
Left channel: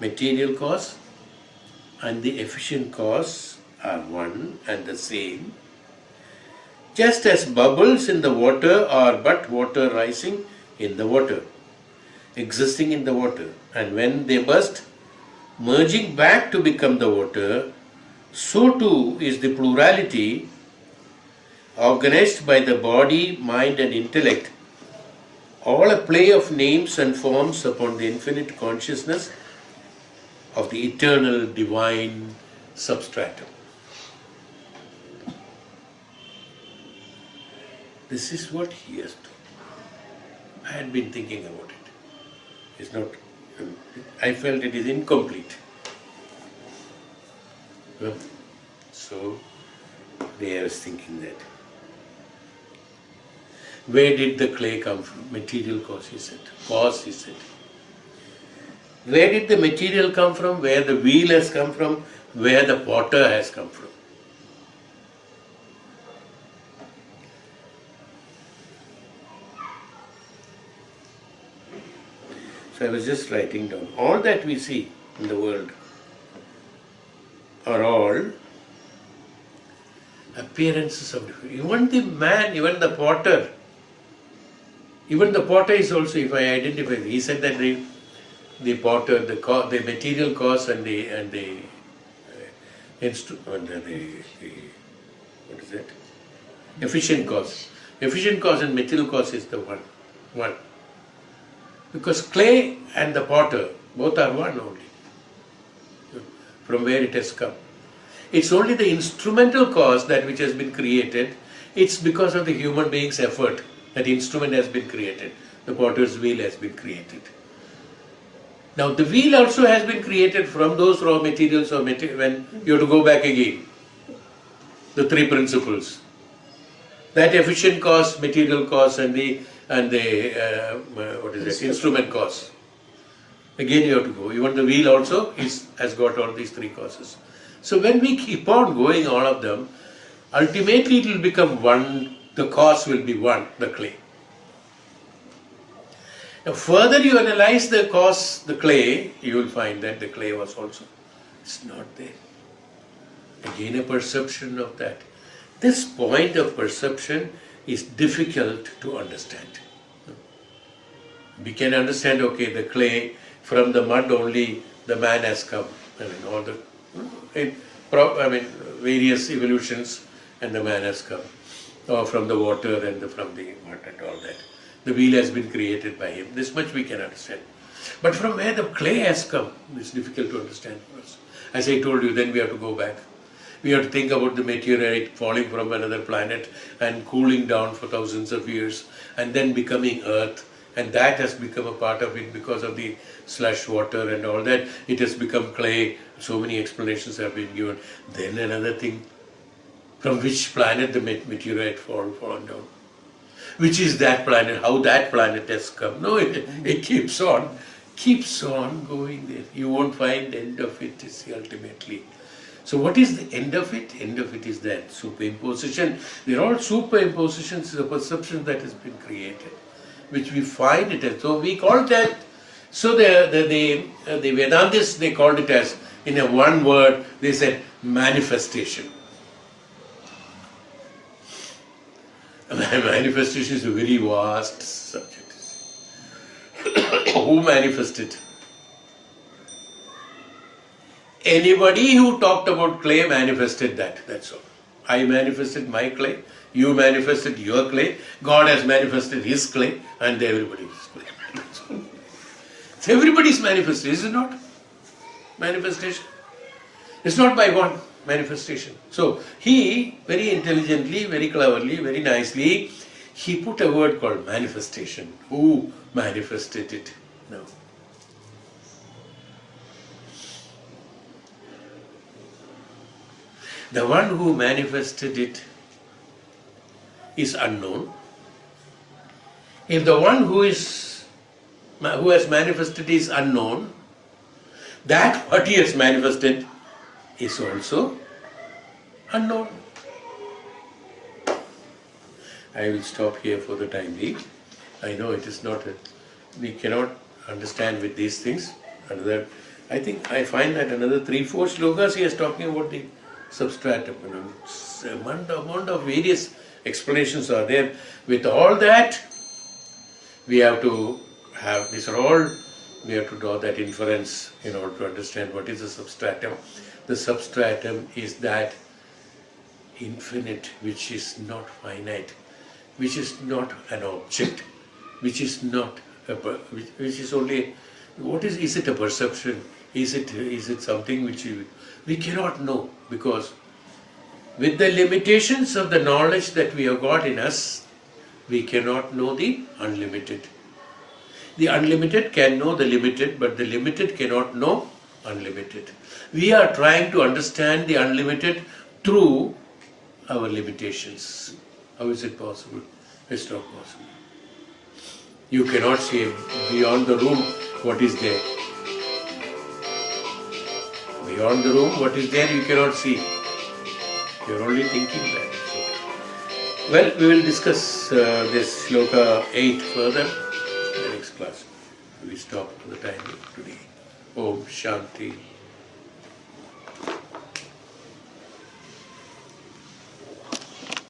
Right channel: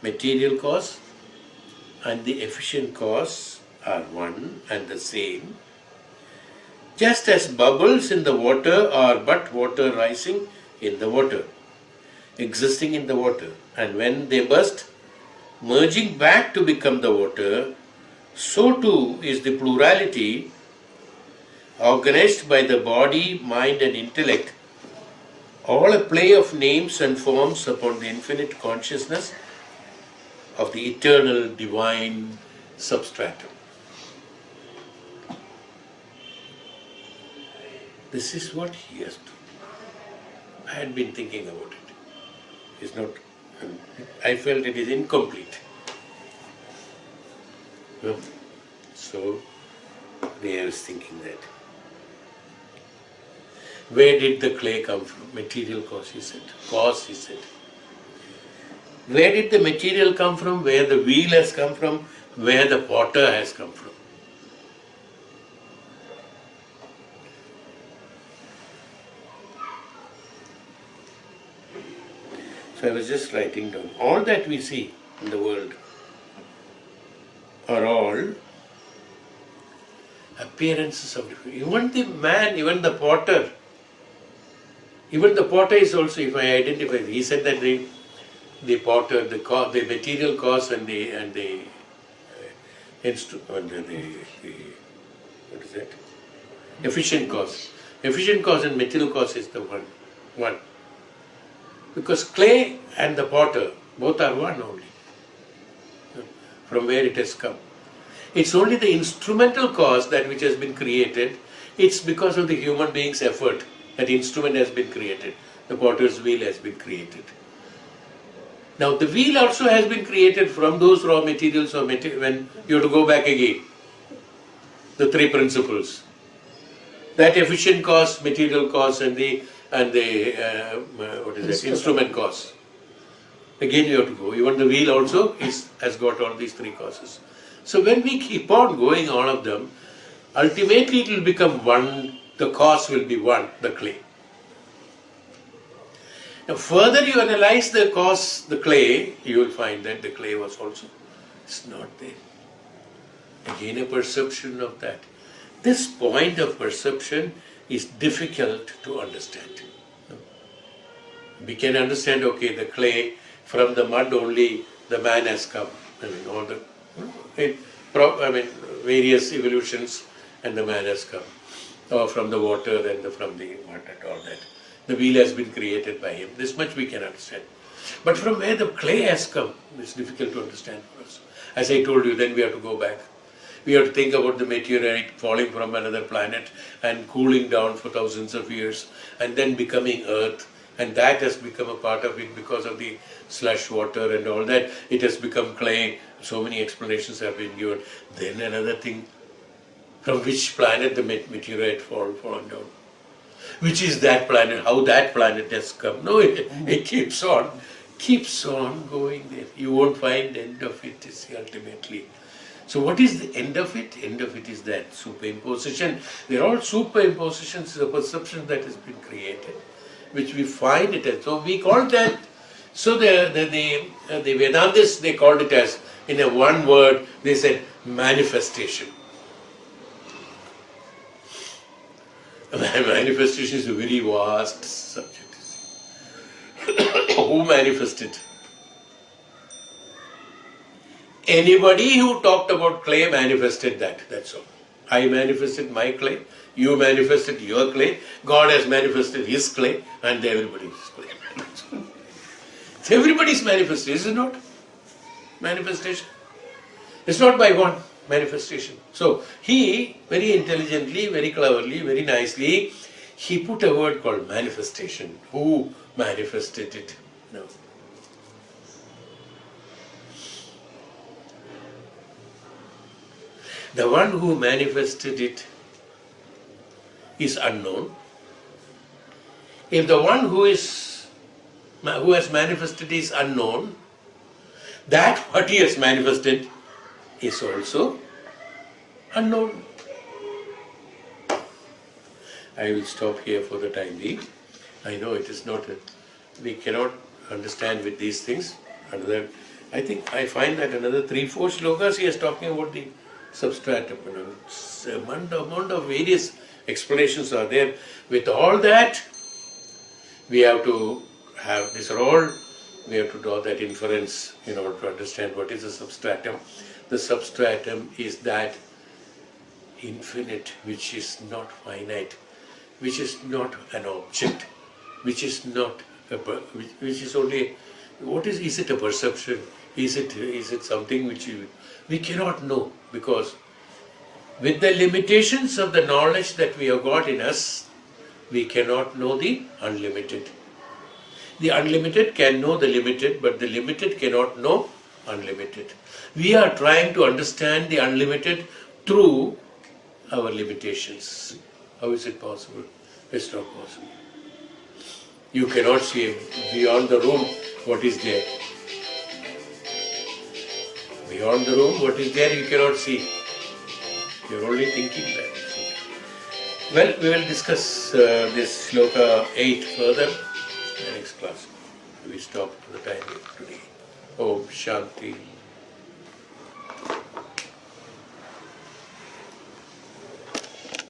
Material cause and the efficient cause are one and the same. Just as bubbles in the water are but water rising in the water, existing in the water, and when they burst, merging back to become the water, so too is the plurality organized by the body, mind and intellect, all a play of names and forms upon the infinite consciousness of the eternal divine substratum. This is what he has to. I had been thinking about it. It's not. I felt it is incomplete. So I was thinking that. Where did the clay come from? Material cause, is it? Cause, is it? Where did the material come from? Where the wheel has come from? Where the potter has come from? So I was just writing down. All that we see in the world are all appearances of it. Even the man, even the potter is also, if I identify, he said that the potter, the material cause and the what is it? Efficient cause. Efficient cause and material cause is the one. Because clay and the potter, both are one only, from where it has come. It's only the instrumental cause that which has been created. It's because of the human being's effort that the instrument has been created. The potter's wheel has been created. Now the wheel also has been created from those raw materials or when you have to go back again. The three principles. That efficient cause, material cause and the instrument cause. Again you have to go. Even the wheel also has got all these three causes. So when we keep on going all of them, ultimately it will become one, the cause will be one, the clay. Now further you analyze the cause, the clay, you will find that the clay was also, it's not there. Again a perception of that. This point of perception is difficult to understand. We can understand, okay, the clay, from the mud only the man has come. All the various evolutions and the man has come. Or from the water and from the mud and all that. The wheel has been created by him. This much we can understand. But from where the clay has come, it's difficult to understand for us. As I told you, then we have to go back. We have to think about the meteorite falling from another planet and cooling down for thousands of years and then becoming earth. And that has become a part of it because of the slush water and all that. It has become clay. So many explanations have been given. Then another thing, from which planet the meteorite fallen down? Which is that planet? How that planet has come? No, it keeps on going there. You won't find the end of it ultimately. So what is the end of it? End of it is that superimposition. They are all superimpositions, the perception that has been created, which we find it as. So we call that. So the Vedantists, they called it as, in a one word, they said manifestation. Manifestation is a very vast subject. Who manifested? Anybody who talked about clay manifested that, that's all. I manifested my clay, you manifested your clay, God has manifested his clay, and everybody's clay. So everybody's manifestation, is it not? Manifestation. It's not by one manifestation. So he, very intelligently, very cleverly, very nicely, he put a word called manifestation. Who manifested it? No. The one who manifested it is unknown. If the one who has manifested is unknown, that what he has manifested is also unknown. I will stop here for the time being. I know it is not, we cannot understand with these things. I think I find that another 3-4 shlokas he is talking about the substratum. Amount of various explanations are there. With all that, we have to have, these are all, we have to draw that inference in order to understand what is the substratum. The substratum is that infinite which is not finite, which is not an object, which is not which is only, what is it a perception? Is it something which we cannot know, because with the limitations of the knowledge that we have got in us, we cannot know the unlimited. The unlimited can know the limited, but the limited cannot know unlimited. We are trying to understand the unlimited through our limitations. How is it possible? It's not possible. You cannot see beyond the room what is there. Beyond the room, what is there you cannot see. You're only thinking that. Well, we will discuss this shloka 8 further in the next class. We stop for the time today. Om Shanti.